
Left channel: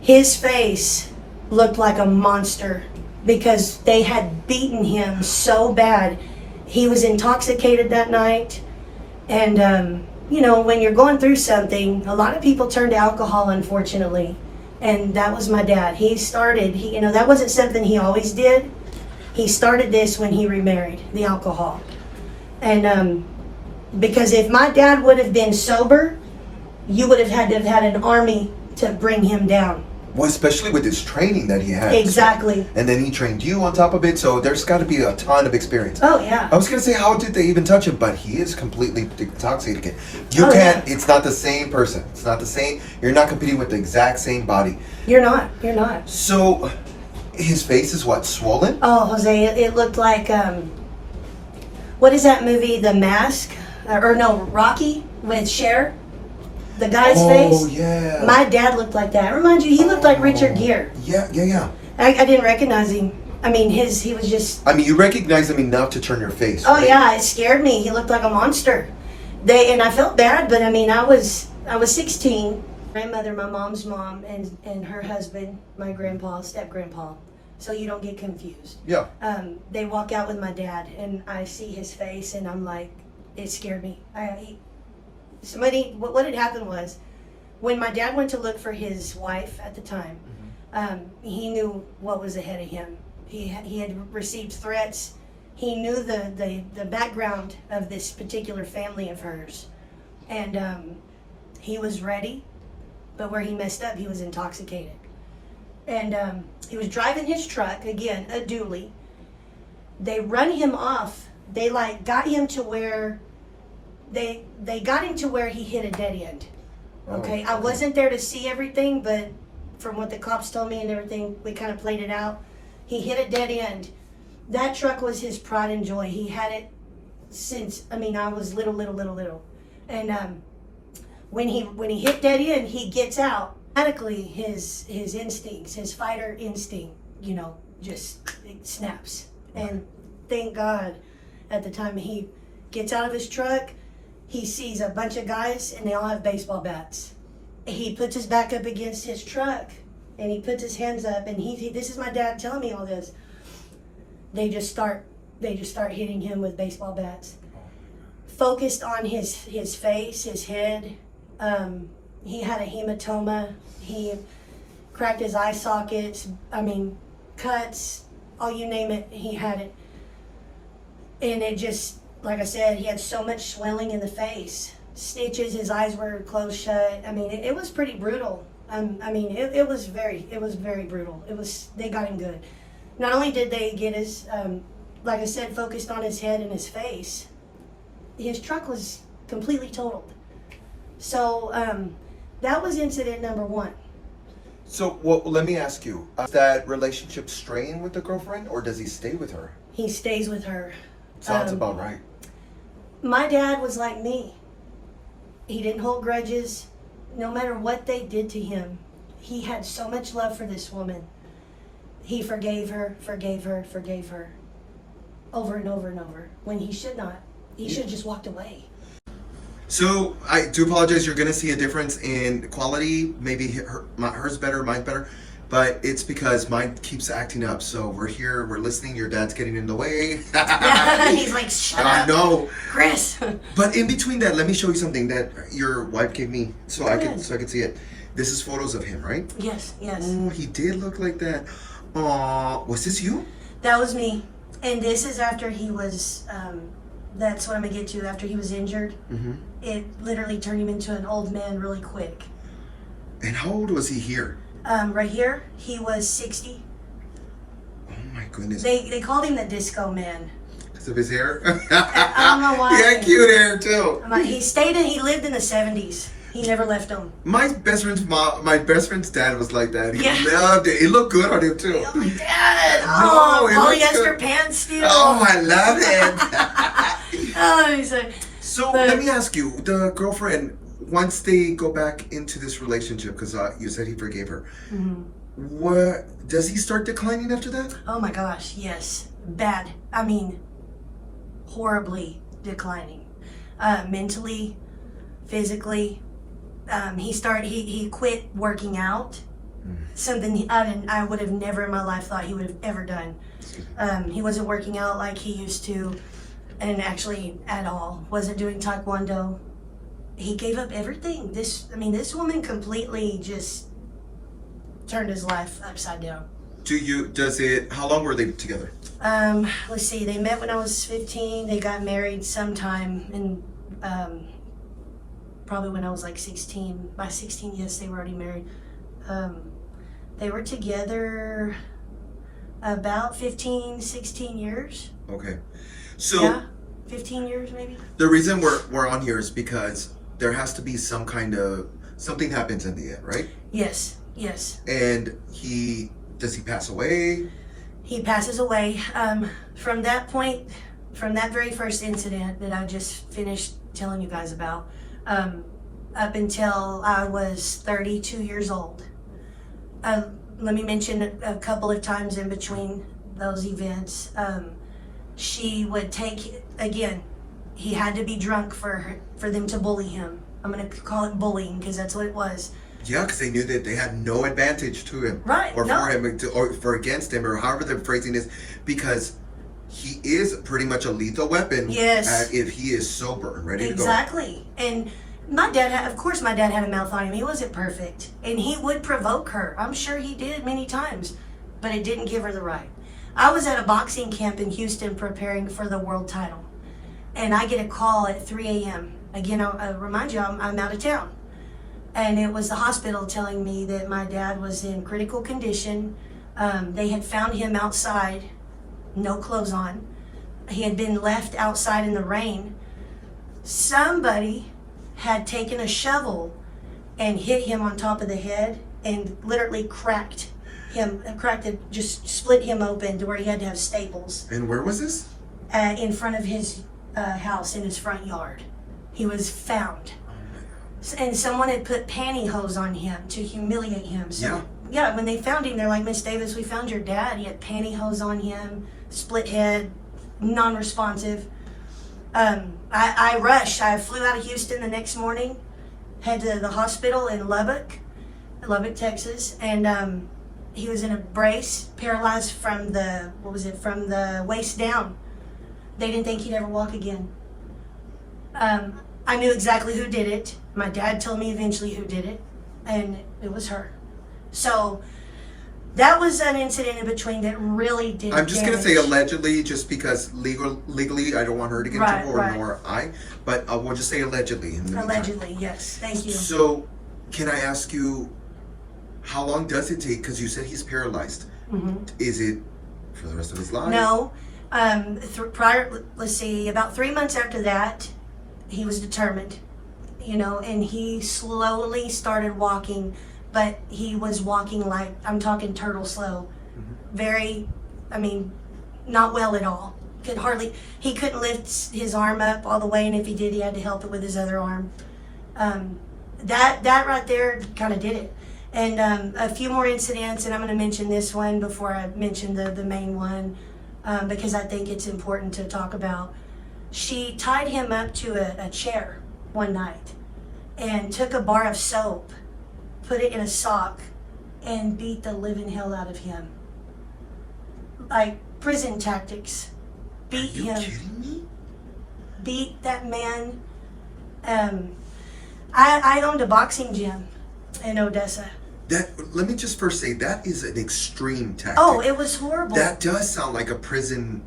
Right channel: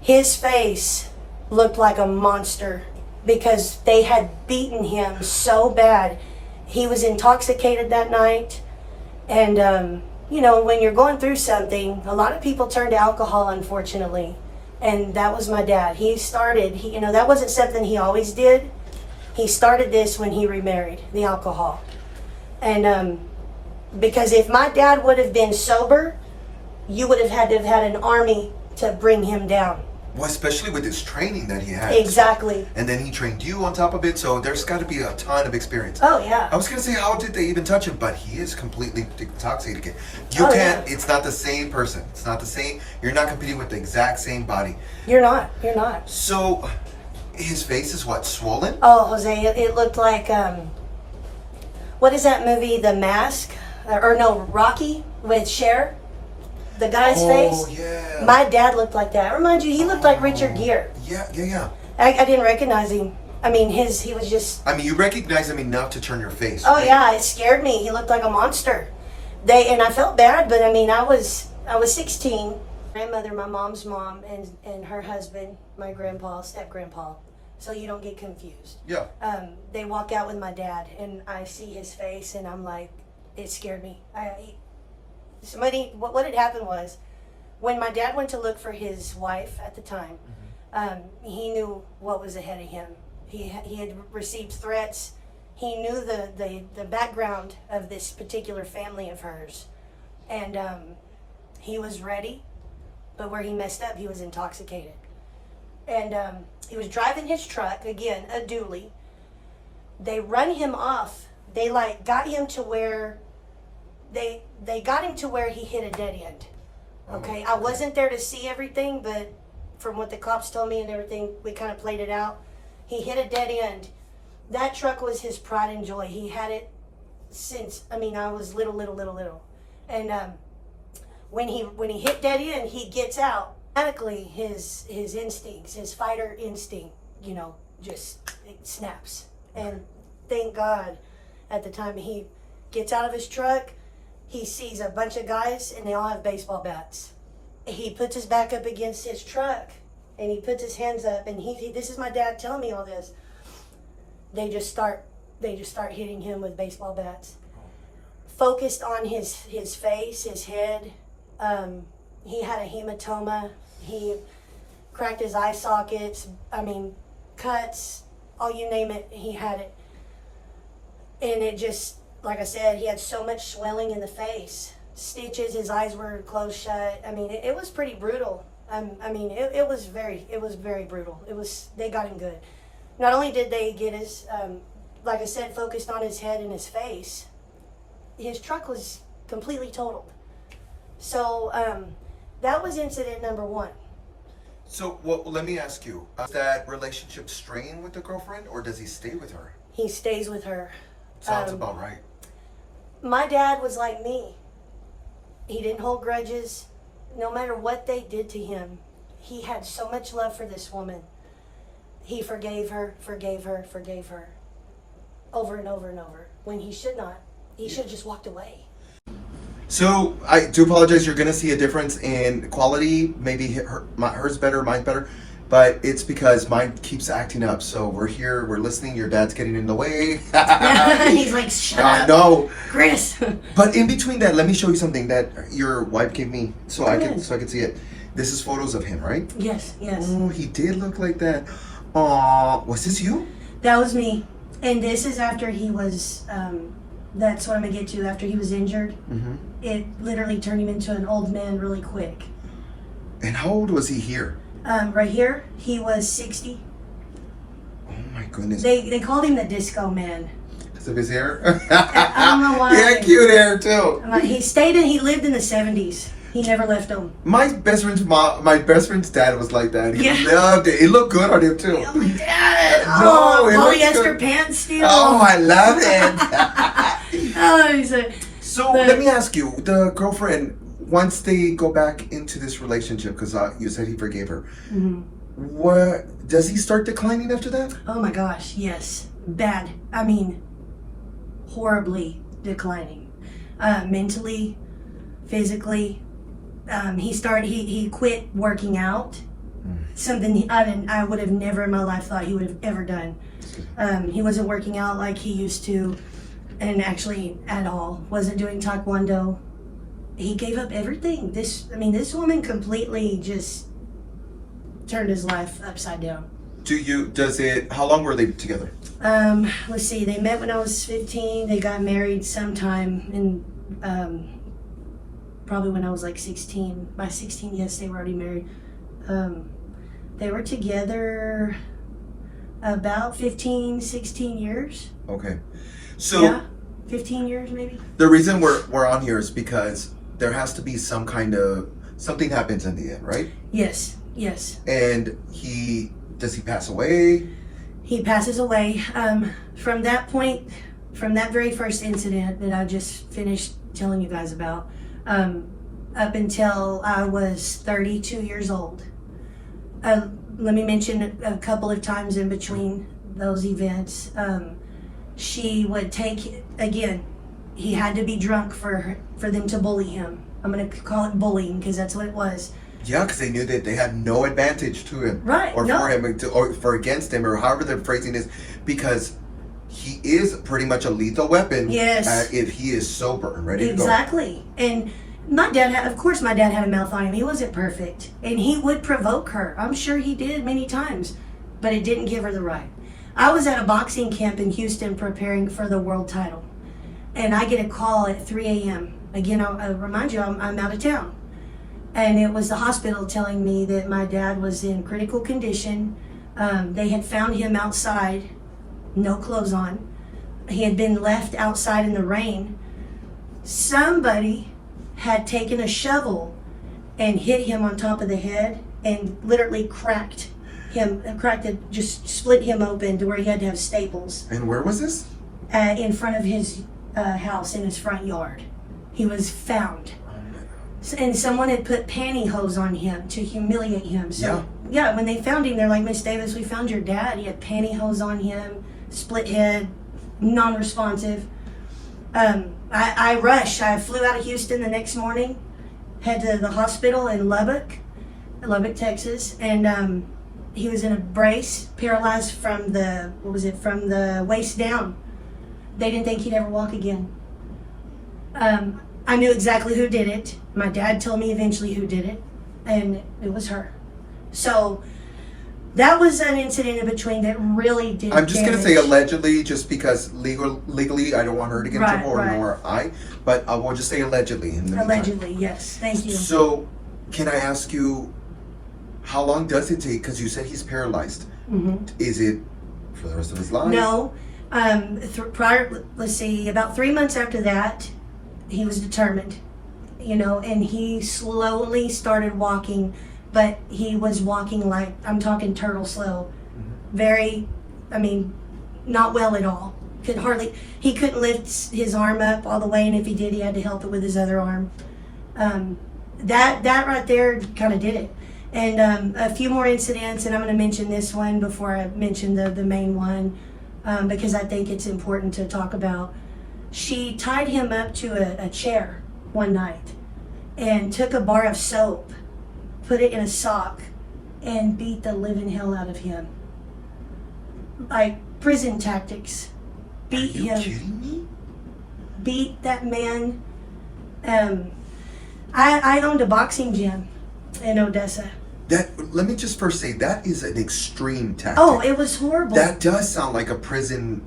His face looked like a monster because they had beaten him so bad. He was intoxicated that night. And, you know, when you're going through something, a lot of people turn to alcohol, unfortunately. And that was my dad. You know, that wasn't something he always did. He started this when he remarried, the alcohol. And because if my dad would have been sober, you would have had to have had an army to bring him down. Well, especially with his training that he had. Exactly. And then he trained you on top of it, so there's got to be a ton of experience. Oh, yeah. I was going to say, how did they even touch him? But he is completely intoxicated. You Oh, can't, yeah. It's not the same person. It's not the same. You're not competing with the exact same body. You're not. So, his face is what, swollen? Oh, Jose, it looked like, what is that movie, The Mask? Rocky with Cher? The guy's face? Oh, yeah. My dad looked like that. Remind you, he looked like Richard Gere. Yeah. I didn't recognize him. I mean, he was just... I mean, you recognize him enough to turn your face. Oh, right? yeah, it scared me. He looked like a monster. And I felt bad, but I mean, I was 16. My mother, my mom's mom, and her husband, my grandpa, step-grandpa. So you don't get confused. Yeah. They walk out with my dad, and I see his face, and I'm like, it scared me. What had happened was, when my dad went to look for his wife at the time, he knew what was ahead of him. He had received threats. He knew the background of this particular family of hers, and he was ready. But where he messed up, he was intoxicated, and he was driving his truck again, a dually. They run him off. They got him to where they got him to where he hit a dead end. Okay, I wasn't there to see everything, but from what the cops told me and everything, we kind of played it out. He hit a dead end. That truck was his pride and joy. He had it since, I was little. And when he hit dead end, he gets out. Automatically, his instincts, his fighter instinct, just it snaps. And thank God, at the time he gets out of his truck, he sees a bunch of guys and they all have baseball bats. He puts his back up against his truck and he puts his hands up, and this is my dad telling me all this. They just start hitting him with baseball bats. Focused on his face, his head. He had a hematoma. He cracked his eye sockets. Cuts, all you name it, he had it. And it just, like I said, he had so much swelling in the face. Stitches, his eyes were closed shut. It was pretty brutal. It was very brutal. They got him good. Not only did they get his, like I said, focused on his head and his face, his truck was completely totaled. So that was incident number one. So, well, let me ask you, is that relationship strained with the girlfriend, or does he stay with her? He stays with her. Sounds about right. My dad was like me. He didn't hold grudges. No matter what they did to him, he had so much love for this woman. He forgave her. over and over and over when he should not. He should have just walked away. So I do apologize. You're going to see a difference in quality. Maybe hers better, mine's better. But it's because mine keeps acting up. So we're here, we're listening. Your dad's getting in the way. He's like, shut up. I know. Krys. But in between that, let me show you something that your wife gave me so I can see it. This is photos of him, right? Yes, yes. Oh, he did look like that. Aw, was this you? That was me. And this is after he was, that's what I'm going to get to, after he was injured. Mm-hmm. It literally turned him into an old man really quick. And how old was he here? Right here, he was 60. Oh my goodness. They called him the disco man. Because of his hair? I don't know why. He had cute hair too. He lived in the 70s. He never left them. My best friend's dad was like that. He loved it. It looked good on him too. Dad! No, polyester pants still. Oh, I love it. Oh, so let me ask you, the girlfriend, once they go back into this relationship, because you said he forgave her, what does he start declining after that? Oh my gosh, yes, bad. I mean, horribly declining, mentally, physically. He quit working out. Something I would have never in my life thought he would have ever done. He wasn't working out like he used to, and actually at all. Wasn't doing taekwondo. He gave up everything. This woman completely just turned his life upside down. How long were they together? Let's see, they met when I was 15. They got married sometime in, probably when I was like 16. By 16, yes, they were already married. They were together about 15, 16 years. Okay. So yeah, 15 years maybe. The reason we're on here is because there has to be something happens in the end, right? Yes, yes. And does he pass away? He passes away. From that point, from that very first incident that I just finished telling you guys about, up until I was 32 years old. Let me mention a couple of times in between those events. She would take, again, he had to be drunk for them to bully him. I'm going to call it bullying because that's what it was. Yeah, because they knew that they had no advantage to him. Right. Or for him, or for against him, or however the phrasing is, because he is pretty much a lethal weapon. Yes. If he is sober and ready to go. Exactly. And my dad had a mouth on him. He wasn't perfect. And he would provoke her. I'm sure he did many times. But it didn't give her the right. I was at a boxing camp in Houston preparing for the world title. And I get a call at 3 a.m. Again, I'll remind you, I'm out of town. And it was the hospital telling me that my dad was in critical condition. They had found him outside, no clothes on. He had been left outside in the rain. Somebody had taken a shovel and hit him on top of the head and literally just split him open to where he had to have staples. And where was this? In front of his house, in his front yard. He was found. And someone had put pantyhose on him to humiliate him. So, yeah, when they found him, they're like, Miss Davis, we found your dad. He had pantyhose on him, split head, non-responsive. I rushed. I flew out of Houston the next morning, head to the hospital in Lubbock, Texas, and he was in a brace, paralyzed from the waist down. They didn't think he'd ever walk again. I knew exactly who did it. My dad told me eventually who did it, and it was her. So that was an incident in between that really did. I'm just going to say allegedly, just because legally I don't want her to get in trouble, nor I, but I will just say allegedly. Allegedly, yes. Thank you. So, can I ask you, how long does it take? Because you said he's paralyzed. Mm-hmm. Is it for the rest of his life? No. Let's see, about 3 months after that, he was determined, and he slowly started walking, but he was walking like, I'm talking turtle slow. Very, not well at all. He couldn't lift his arm up all the way, and if he did, he had to help it with his other arm. That right there kind of did it. And a few more incidents, and I'm going to mention this one before I mention the main one. because I think it's important to talk about. She tied him up to a chair one night and took a bar of soap, put it in a sock, and beat the living hell out of him. Like prison tactics. Beat him. Are you kidding me? Beat that man. I owned a boxing gym in Odessa. Let me just first say, that is an extreme tactic. Oh, it was horrible. That does sound like a prison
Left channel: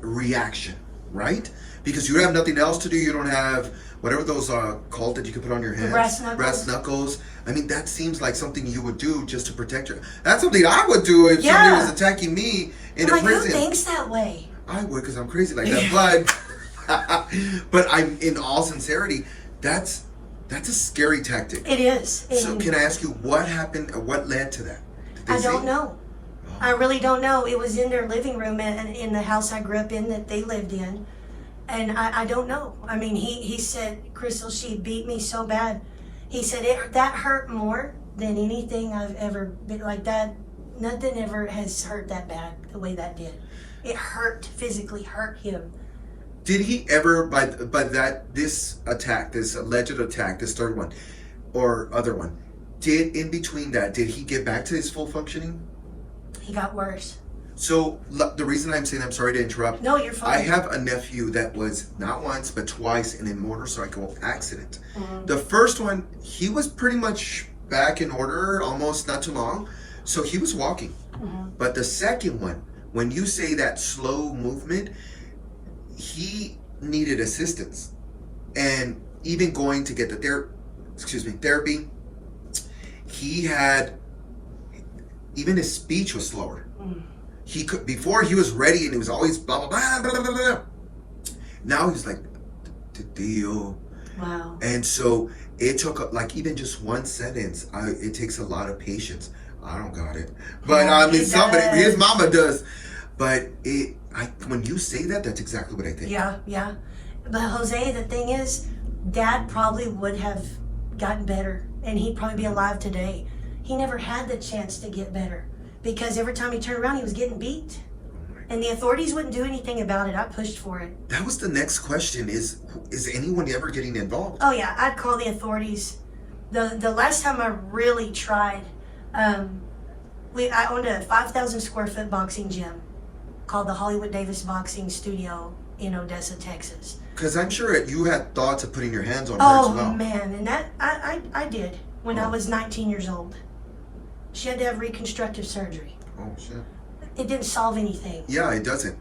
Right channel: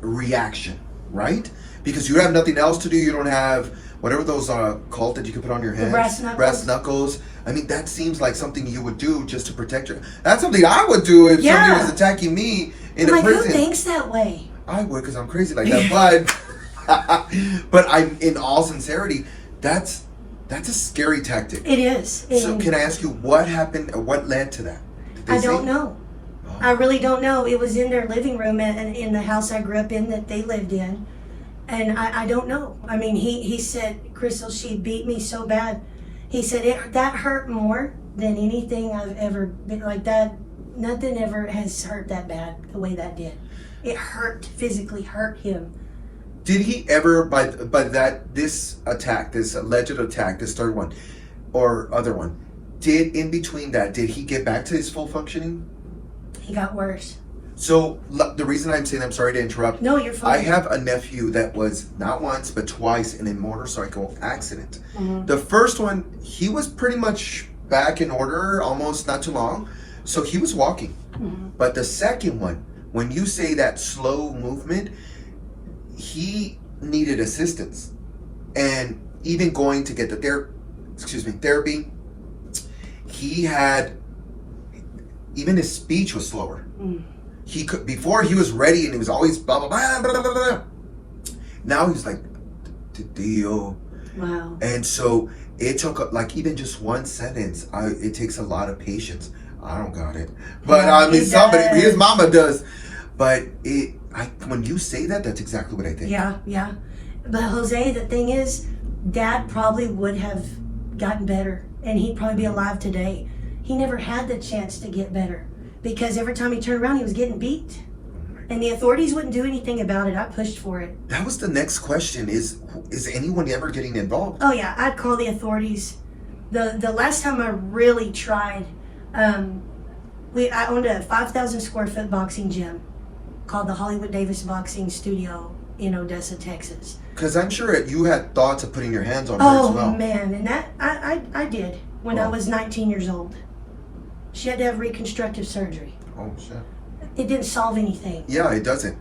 reaction, right? Because you have nothing else to do. You don't have whatever those are called that you can put on your hands. Brass knuckles. Brass knuckles. I mean, that seems like something you would do just to protect your... That's something I would do if somebody was attacking me in a prison. Who thinks that way? I would, because I'm crazy like that. But I'm, in all sincerity, that's a scary tactic. It is. So can I ask you what happened, or what led to that? Did they I say? don't know. Oh. I really don't know. It was in their living room and in the house I grew up in that they lived in. And I don't know. I mean, he said, Crystal, she beat me so bad. He said, that hurt more than anything I've ever been like that. Nothing ever has hurt that bad the way that did. It hurt, physically hurt him. Did he ever, by this attack, this alleged attack, this third one, or other one, in between that, did he get back to his full functioning? He got worse. So the reason I'm saying, I'm sorry to interrupt. No, you're fine. I have a nephew that was not once, but twice in a motorcycle accident. Mm-hmm. The first one, he was pretty much back in order, almost not too long. So he was walking. Mm-hmm. But the second one, when you say that slow movement, he needed assistance. And even going to get the therapy, he had, even his speech was slower. Mm. He could, before he was ready and he was always blah, blah, blah, blah, blah, blah. Now he's like, Dio. Wow. And so it took, like, even just one sentence, it takes a lot of patience. I don't got it. But Yeah, I mean, does. his mama does. But when you say that, that's exactly what I think. Yeah. But Jose, the thing is, Dad probably would have gotten better and he'd probably be alive today. He never had the chance to get better because every time he turned around, he was getting beat. And the authorities wouldn't do anything about it. I pushed for it. That was the next question. Is anyone ever getting involved? Oh yeah, I'd call the authorities. The last time I really tried, I owned a 5,000 square foot boxing gym called the Hollywood Davis Boxing Studio in Odessa, Texas. Because I'm sure you had thoughts of putting your hands on her as well. Oh man, and that I did when I was 19 years old. She had to have reconstructive surgery. Oh shit. It didn't solve anything. Yeah, it doesn't.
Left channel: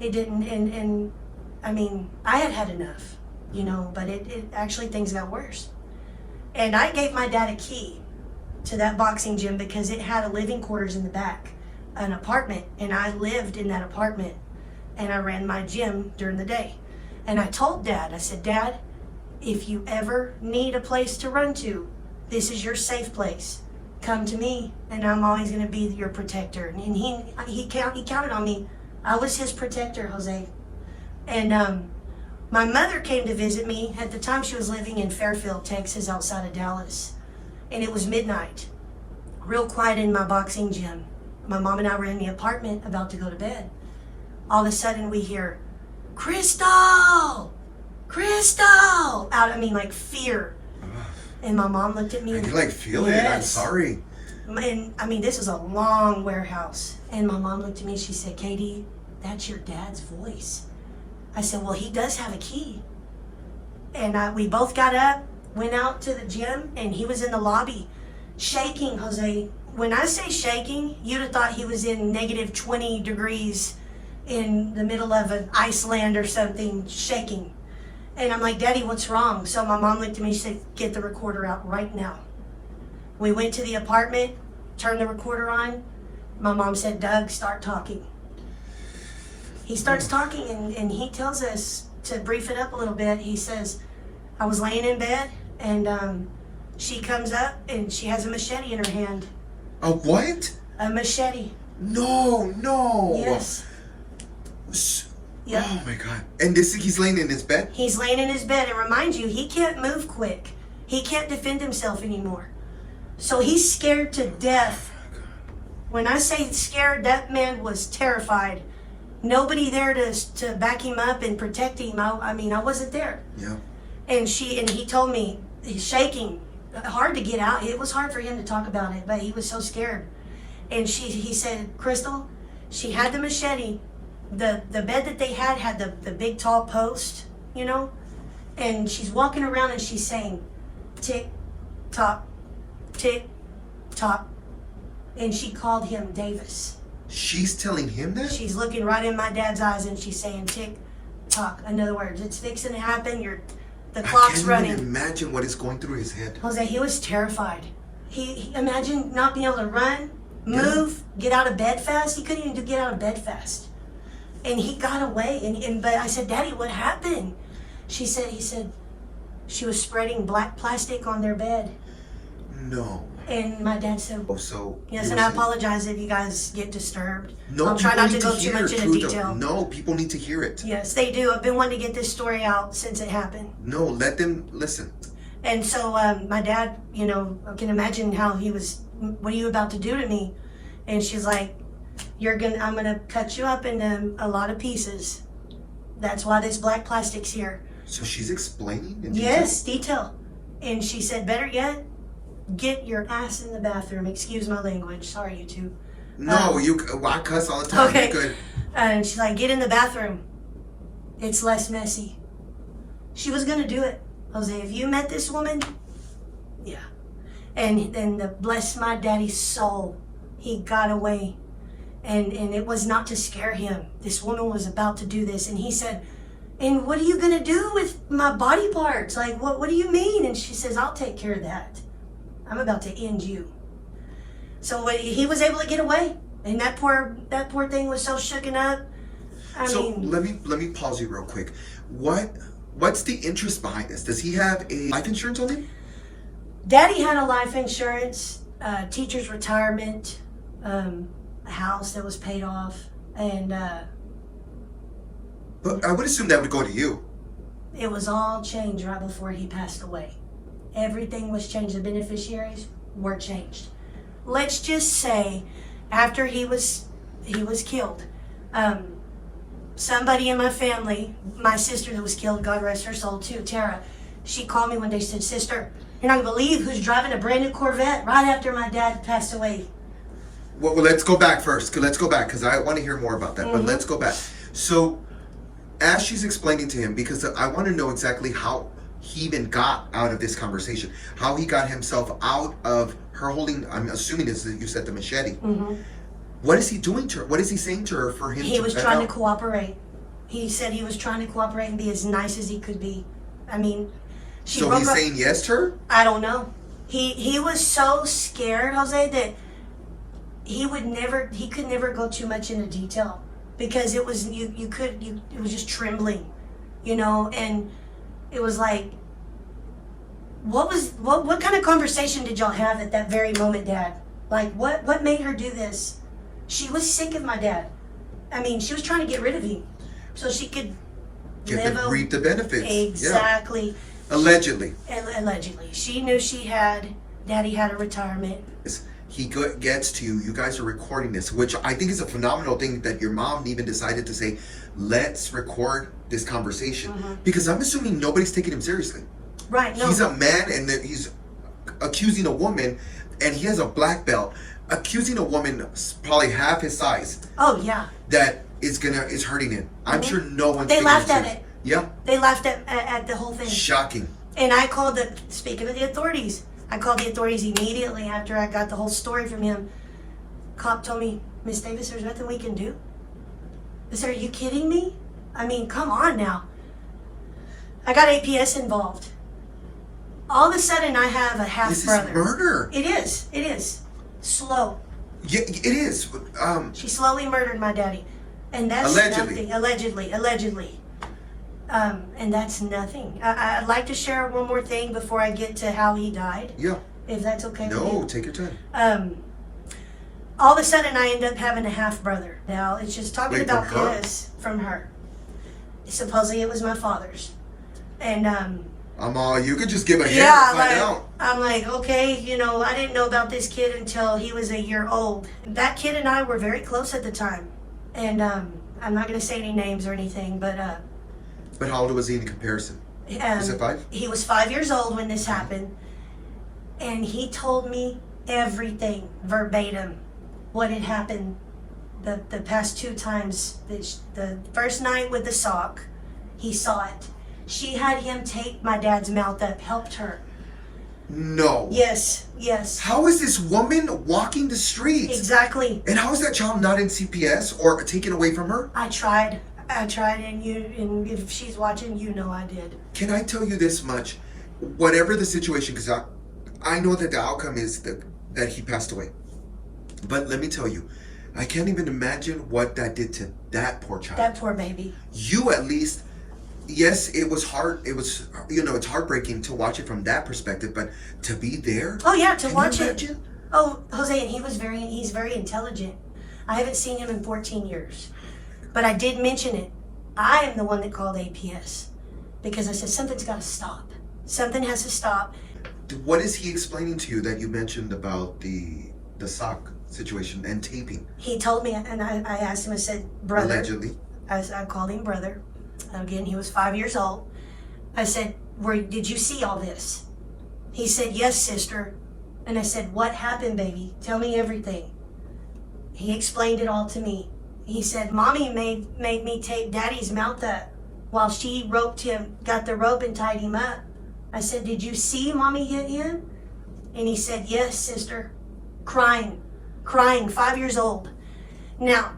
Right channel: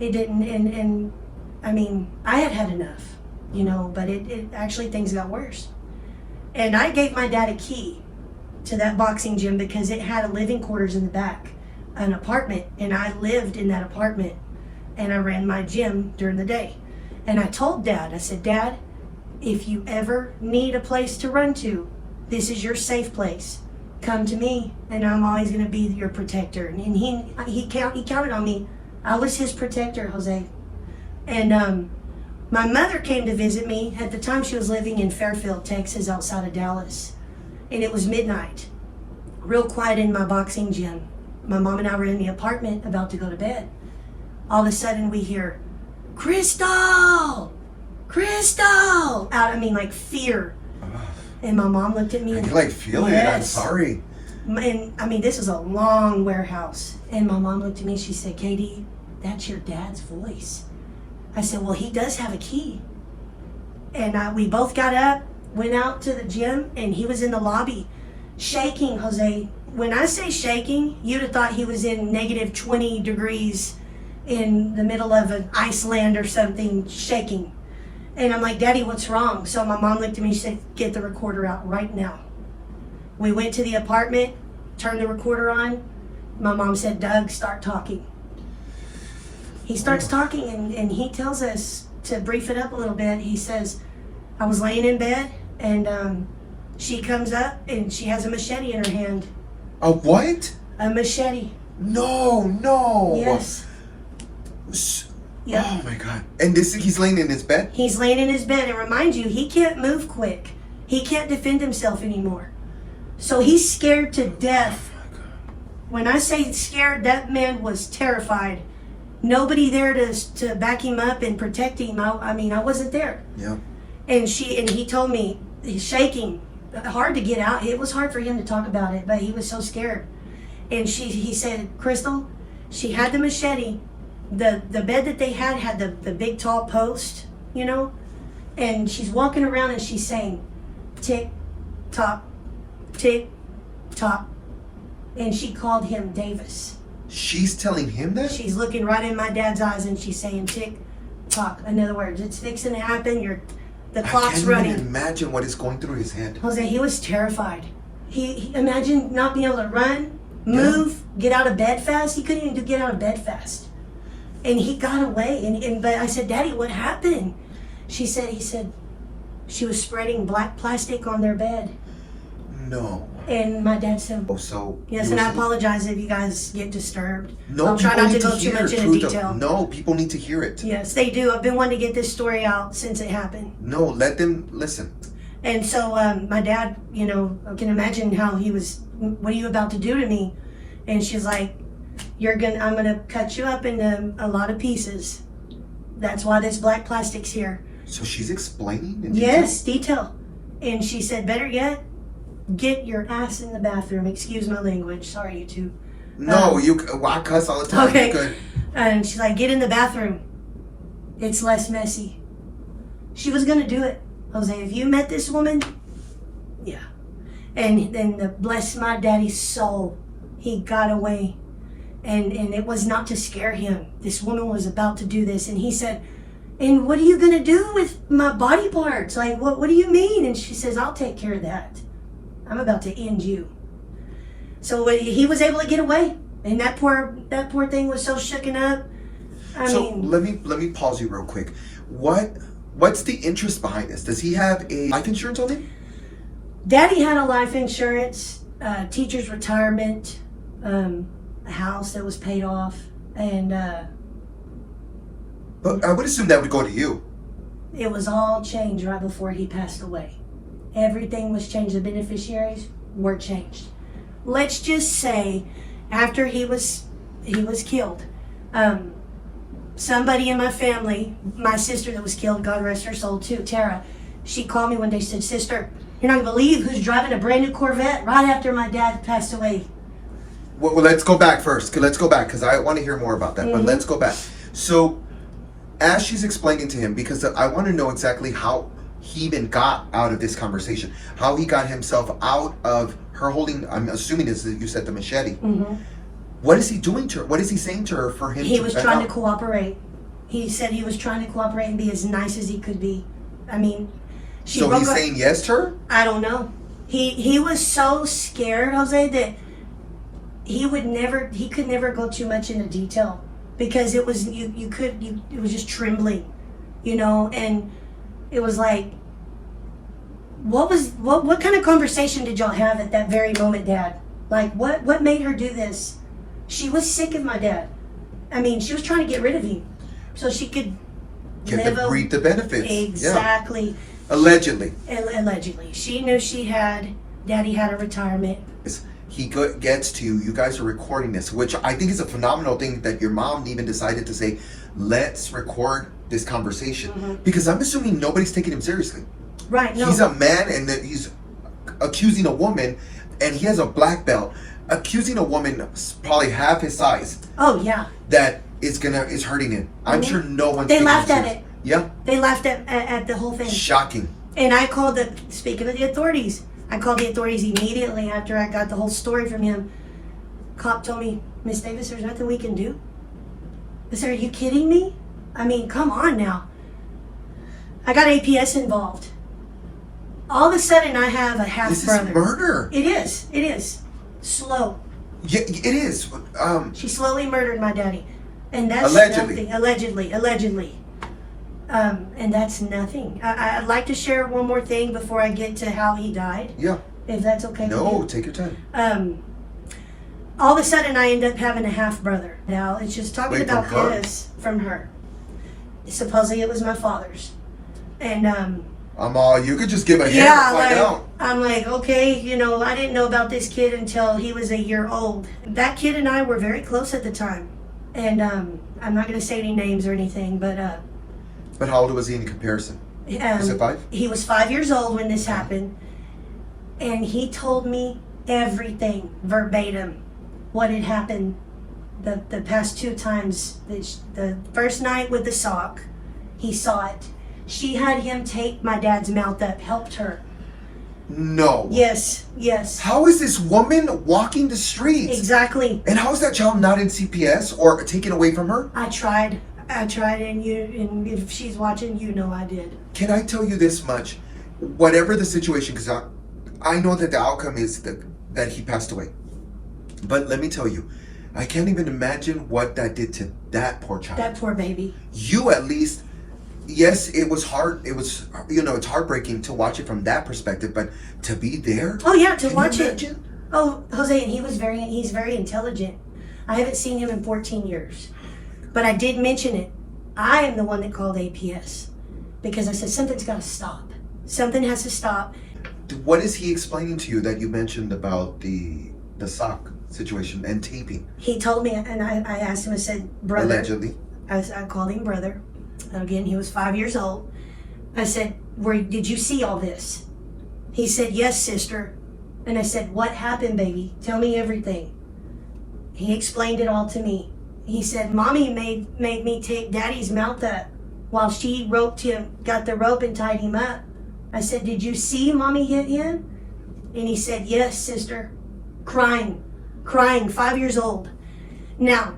It didn't, and I mean, I had enough, but it actually, things got worse. And I gave my dad a key to that boxing gym because it had living quarters in the back, an apartment, and I lived in that apartment, and I ran my gym during the day. And I told Dad, I said, Dad, if you ever need a place to run to, this is your safe place. Come to me, and I'm always going to be your protector. And he counted on me. I was his protector, Jose. And my mother came to visit me. At the time, she was living in Fairfield, Texas, outside of Dallas. And it was midnight. Real quiet in my boxing gym. My mom and I were in the apartment about to go to bed. All of a sudden, we hear, Crystal! Crystal! Like fear. And my mom looked at me and you're like feeling it. I'm sorry. And I mean, this is a long warehouse. And my mom looked at me and she said, Katie, that's your dad's voice. I said, well, he does have a key. And we both got up, went out to the gym, and he was in the lobby shaking, Jose. When I say shaking, you'd have thought he was in negative 20 degrees in the middle of an Iceland or something, shaking. And I'm like, Daddy, what's wrong? So my mom looked at me and said, get the recorder out right now. We went to the apartment, turned the recorder on. My mom said, Doug, start talking. He starts talking and he tells us, to brief it up a little bit, he says, I was laying in bed and she comes up and she has a machete in her hand. A what? A machete. No. Yes. Yep. Oh my God. And he's laying in his bed? He's laying in his bed. And remind you, he can't move quick. He can't defend himself anymore. So he's scared to death. When I say scared, that man was terrified. nobody there to back him up and protect him. I mean, I wasn't there. Yeah. And he told me, he's shaking, hard to get out. It was hard for him to talk about it, but he was so scared. And he said, Crystal, she had the machete. The bed that they had the big tall post, you know, and she's walking around and she's saying, tick, tock, tick, tock. And she called him Davis. She's telling him that? She's looking right in my dad's eyes and she's saying, tick, tock. In other words, it's fixing to happen. The clock's running. I can't even imagine what is going through his head. Jose, he was terrified. He imagine not being able to run, move, get out of bed fast. He couldn't even get out of bed fast. And he got away. But I said, Daddy, what happened? He said, she was spreading black plastic on their bed. No. And my dad said, oh, so yes, and I apologize if you guys get disturbed. No, I'll try not to go hear too much into detail. No, people need to hear it. Yes, they do. I've been wanting to get this story out since it happened. No, let them listen. And so my dad, you know, I can imagine how he was, what are you about to do to me? And she's like, I'm gonna cut you up into a lot of pieces. That's why this black plastic's here. So she's explaining in detail? Yes, detail. And she said, better yet, get your ass in the bathroom. Excuse my language. Sorry, you two. No, I cuss all the time. Okay. You're good. And she's like, get in the bathroom. It's less messy. She was gonna do it. Jose, if you met this woman, yeah. And then bless my daddy's soul, he got away. And it was not to scare him. This woman was about to do this. And he said, and what are you gonna do with my body parts? Like, what do you mean? And she says, I'll take care of that. I'm about to end you. So he was able to get away. And that poor thing was so shooken up. I mean, let me pause you real quick. What's the interest behind this? Does he have a life insurance on him? Daddy had a life insurance, teacher's retirement, a house that was paid off, and but I would assume that would go to you. It was all changed right before he passed away. Everything was changed. The beneficiaries were changed. Let's just say, after he was killed, somebody in my family, my sister that was killed, God rest her soul too, Tara, she called me one day and said, sister, you're not gonna believe who's driving a brand new Corvette right after my dad passed away. Well, let's go back first. Let's go back because I want to hear more about that. But let's go back. So, as she's explaining to him, because I want to know exactly how he even got out of this conversation, how he got himself out of her holding, I'm assuming is that you said the machete. What is he doing to her? What is he saying to her for him He was trying to cooperate. He said he was trying to cooperate and be as nice as he could be. I mean, so he's saying yes to her? I don't know. He was so scared, Jose, that he could never go too much into detail because it was it was just trembling, you know, and it was like, what kind of conversation did y'all have at that very moment, Dad? Like, what made her do this? She was sick of my dad. I mean, she was trying to get rid of him so she could reap the benefits. Exactly. Yeah. Allegedly. Allegedly. She knew Daddy had a retirement. He gets to you. You guys are recording this, which I think is a phenomenal thing that your mom even decided to say, let's record this conversation. Because I'm assuming nobody's taking him seriously. Right. No. He's a man and that he's accusing a woman and he has a black belt. Accusing a woman probably half his size. Oh yeah. That is hurting him. I'm sure no one's. They laughed at it. Yeah. They laughed at the whole thing. Shocking. And I called speaking of the authorities, I called the authorities immediately after I got the whole story from him. Cop told me, Miss Davis, there's nothing we can do. I said, are you kidding me? I mean, come on now. I got APS involved. All of a sudden, I have a half brother. This is murder. It is. It is. Slow. Yeah, it is. She slowly murdered my daddy, and that's allegedly. Nothing. Allegedly. And that's nothing. I'd like to share one more thing before I get to how he died. Yeah. If that's okay. No, take your time. All of a sudden, I end up having a half brother. Now it's just talking about this from her. Supposedly, it was my father's, and you could just give a hint and find out. I'm like, okay, you know, I didn't know about this kid until he was a year old. That kid and I were very close at the time. And I'm not going to say any names or anything, but how old was he in comparison? Was it 5? He was 5 years old when this happened, and he told me everything verbatim, what had happened the past 2 times. The first night with the sock, he saw it. She had him tape my dad's mouth up, helped her. No. Yes. How is this woman walking the streets? Exactly. And how is that child not in CPS or taken away from her? I tried, and if she's watching, you know I did. Can I tell you this much? Whatever the situation, because I know that the outcome is that he passed away. But let me tell you, I can't even imagine what that did to that poor child. That poor baby. You at least, yes, it was hard. It was, it's heartbreaking to watch it from that perspective, but to be there. Oh yeah, to can watch you it. imagine? Oh, Jose, and he's very intelligent. I haven't seen him in 14 years. But I did mention it. I am the one that called APS because I said something's got to stop. Something has to stop. What is he explaining to you that you mentioned about the sock situation and taping? He told me, and I asked him, I said, brother. Allegedly. I called him brother. Again, he was 5 years old. I said, did you see all this? He said, yes, sister. And I said, what happened, baby? Tell me everything. He explained it all to me. He said, Mommy made me tape Daddy's mouth up while she roped him, got the rope and tied him up. I said, did you see Mommy hit him? And he said, yes, sister. Crying, 5 years old. Now,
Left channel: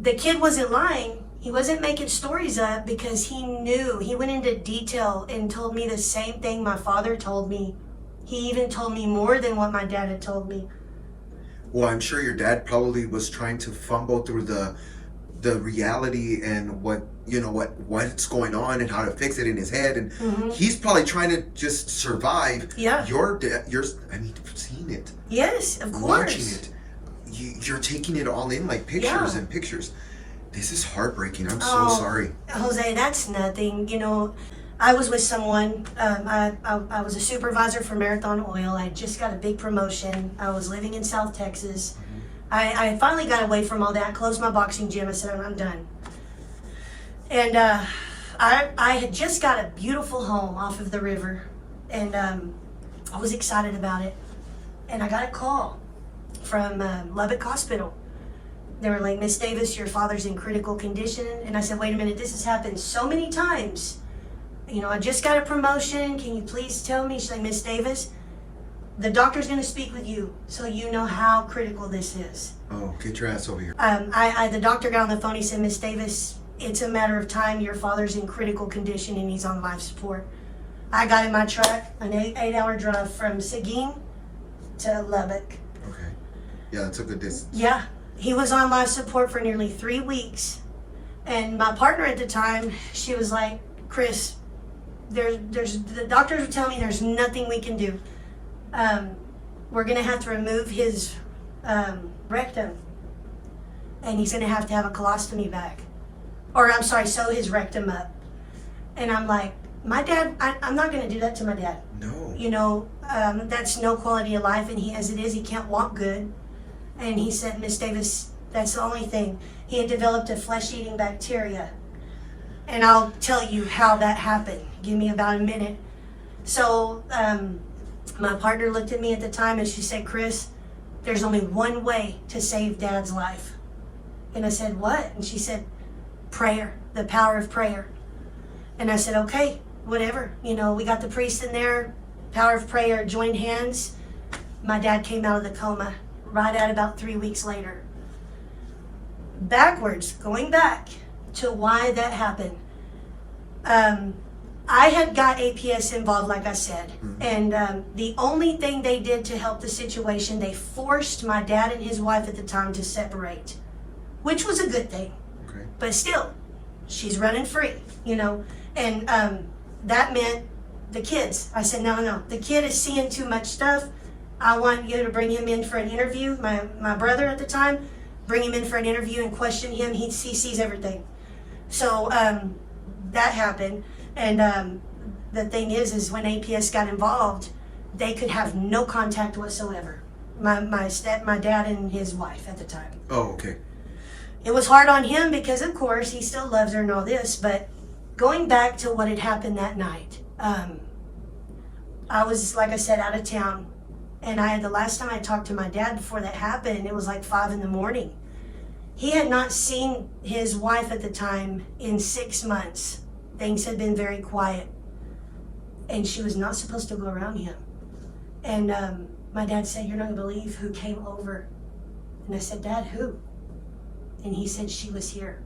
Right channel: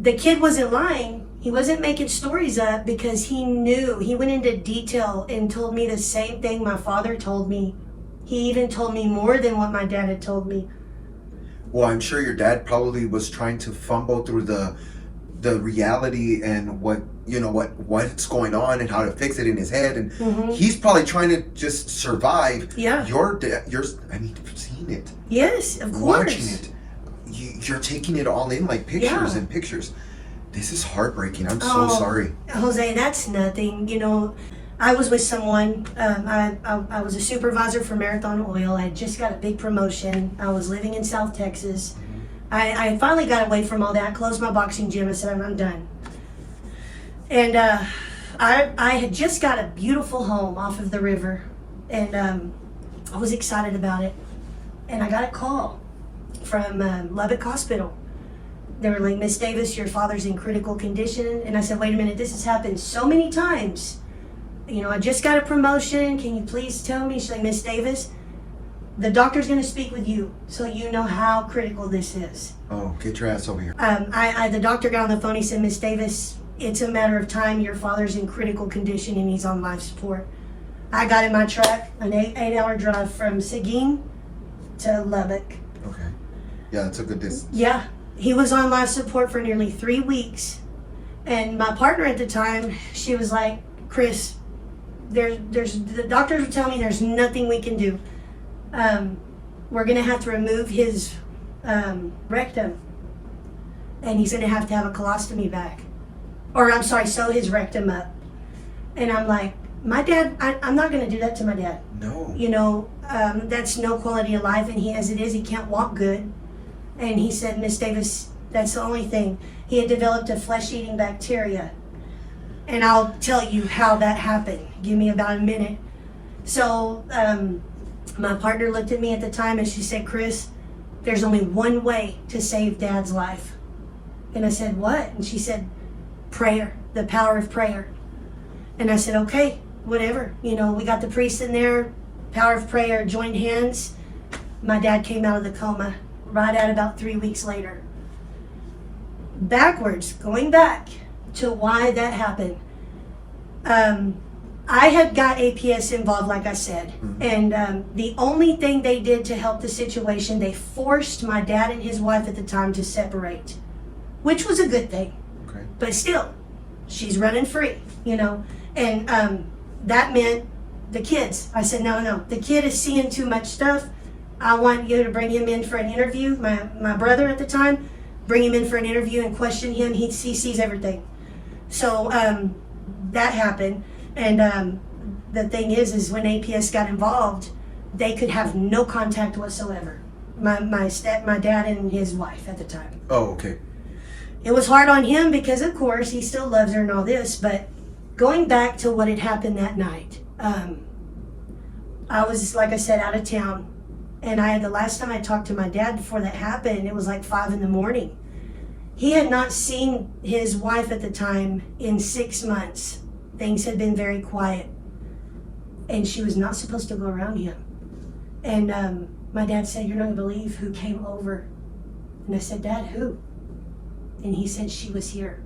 the kid wasn't lying. He wasn't making stories up because he knew. He went into detail and told me the same thing my father told me. He even told me more than what my dad had told me. Well, I'm sure your dad probably was trying to fumble through the reality and what's going on and how to fix it in his head, and he's probably trying to just survive. Yeah. Seeing it. Yes, of course. Watching it, you're taking it all in like pictures and pictures. This is heartbreaking. I'm so sorry. Jose, that's nothing. I was with someone. I was a supervisor for Marathon Oil. I just got a big promotion. I was living in South Texas. I finally got away from all that, closed my boxing gym. I said, I'm done. And I had just got a beautiful home off of the river. And I was excited about it. And I got a call from Lubbock Hospital. They were like, Miss Davis, your father's in critical condition. And I said, wait a minute, this has happened so many times. I just got a promotion. Can you please tell me? She's like, Miss Davis, the doctor's going to speak with you so you know how critical this is. Oh, get your ass over here. The doctor got on the phone. He said, Miss Davis, it's a matter of time. Your father's in critical condition and he's on life support. I got in my truck, an 8-hour drive from Seguin to Lubbock. Okay. Yeah, that's a good distance. Yeah. He was on life support for nearly 3 weeks. And my partner at the time, she was like, Krys, the doctors will tell me there's nothing we can do. We're going to have to remove his rectum. And he's going to have a colostomy bag. Or, I'm sorry, sew his rectum up. And I'm like, my dad, I'm not going to do that to my dad. No. That's no quality of life. And as it is, he can't walk good. And he said, Miss Davis, that's the only thing. He had developed a flesh-eating bacteria. And I'll tell you how that happened. Give me about a minute. So my partner looked at me at the time and she said, Krys, there's only one way to save Dad's life. And I said, what? And she said, prayer, the power of prayer. And I said, okay, whatever. We got the priest in there, power of prayer, joined hands. My dad came out of the coma right at about 3 weeks later. Going back to why that happened. I had got APS involved, like I said, and the only thing they did to help the situation, they forced my dad and his wife at the time to separate, which was a good thing. Okay. But still, she's running free, and that meant the kids. I said, no, the kid is seeing too much stuff. I want you to bring him in for an interview. My brother at the time, bring him in for an interview and question him. He sees everything. So that happened. And the thing is when APS got involved, they could have no contact whatsoever. My dad and his wife at the time. Oh, okay. it was hard on him because, of course, he still loves her and all this. But going back to what had happened that night, I was, like I said, out of town. And the last time I talked to my dad before that happened, it was like 5 a.m. He had not seen his wife at the time in 6 months. Things had been very quiet. And she was not supposed to go around him. And my dad said, "You're not going to believe who came over." And I said, "Dad, who?" And he said, "She was here."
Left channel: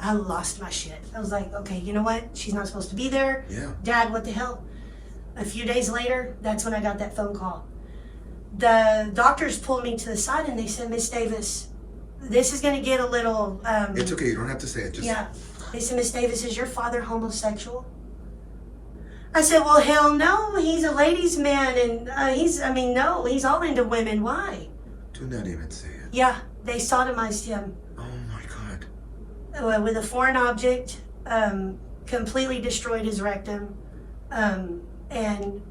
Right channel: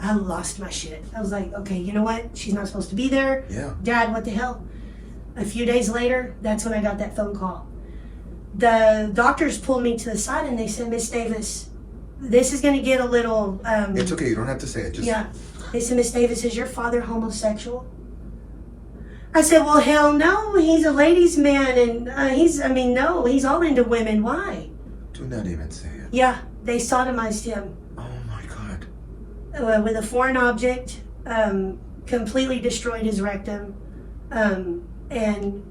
I lost my shit. I was like, okay, you know what? She's not supposed to be there. Yeah. Dad, what the hell? A few days later, that's when I got that phone call. The doctors pulled me to the side and they said, "Miss Davis, this is going to get a little..." It's okay. You don't have to say it. Just... Yeah. They said, "Miss Davis, is your father homosexual?" I said, "Well, hell no. He's a ladies' man. And no, he's all into women. Why?" Do not even say it. Yeah. They sodomized him. Oh my God. With a foreign object, completely destroyed his rectum. And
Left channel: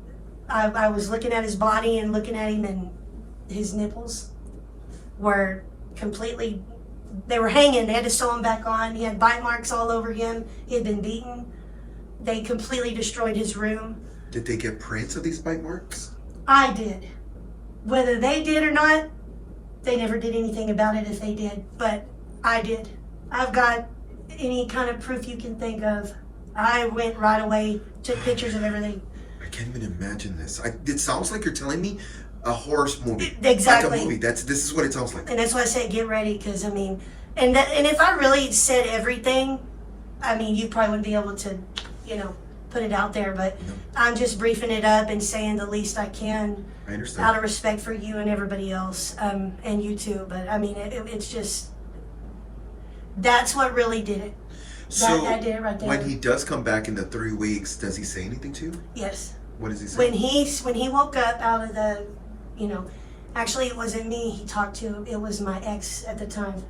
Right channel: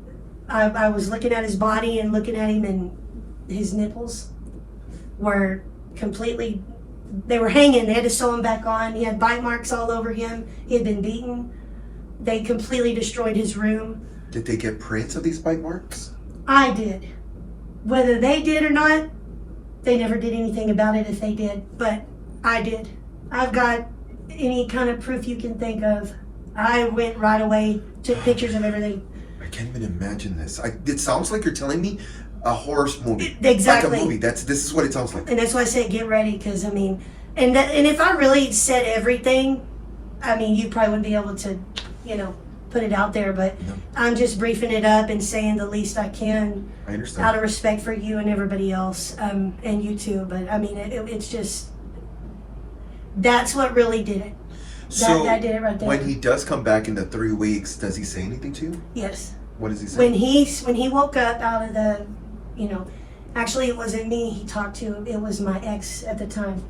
I was looking at his body and looking at him, and his nipples were completely, they were hanging. They had to sew him back on. He had bite marks all over him. He had been beaten. They completely destroyed his room. Did they get prints of these bite marks? I did. Whether they did or not, they never did anything about it if they did, but I did. I've got any kind of proof you can think of. I went right away, took pictures of everything. I can't even imagine this. It sounds like you're telling me a horror movie. Exactly. Like a movie. This is what it sounds like. And that's why I say get ready, because and if I really said everything, you probably wouldn't be able to, put it out there, but no. I'm just briefing it up and saying the least I can. I understand. Out of respect for you and everybody else, and you too. But it's just, that's what really did it. So that did it right there. When he does come back in the 3 weeks, does he say anything to you? Yes. What does he say? When he woke up out of the, actually it wasn't me he talked to, it was my ex at the time,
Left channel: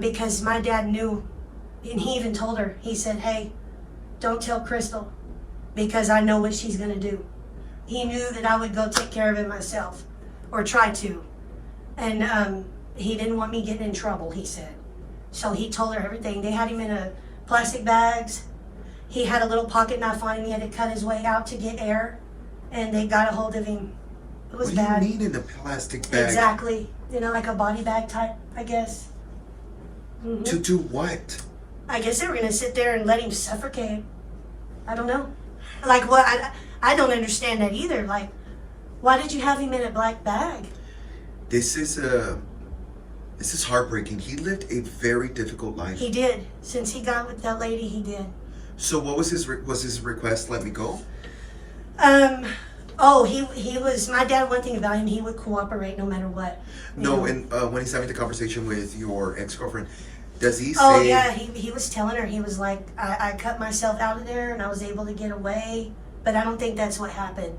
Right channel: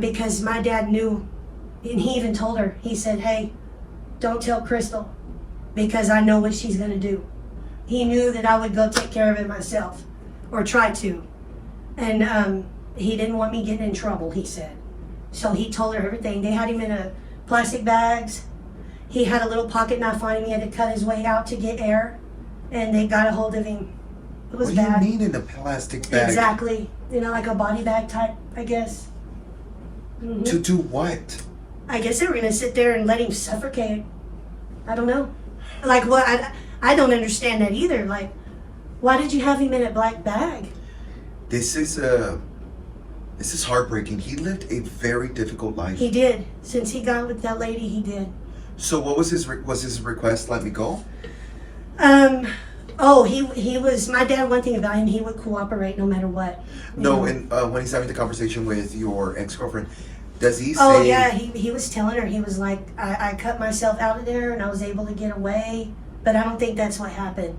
because my dad knew, and he even told her. He said, "Hey, don't tell Crystal, because I know what she's gonna do." He knew that I would go take care of it myself, or try to. And he didn't want me getting in trouble, he said. So he told her everything. They had him in a plastic bags. He had a little pocket knife on him. He had to cut his way out to get air. And they got a hold of him. It was bad. What do you mean in a plastic bag? Exactly. Like a body bag type, I guess. Mm-hmm. To do what? I guess they were going to sit there and let him suffocate. I don't know. Like, what? I don't understand that either. Like, why did you have him in a black bag? This is heartbreaking. He lived a very difficult life. He did. Since he got with that lady, he did. So what was his request? Let me go? He was, my dad, one thing about him, he would cooperate no matter what. No, and when he's having the conversation with your ex-girlfriend, does he say... Oh, yeah, he was telling her, he was like, I cut myself out of there and I was able to get away, but I don't think that's what happened.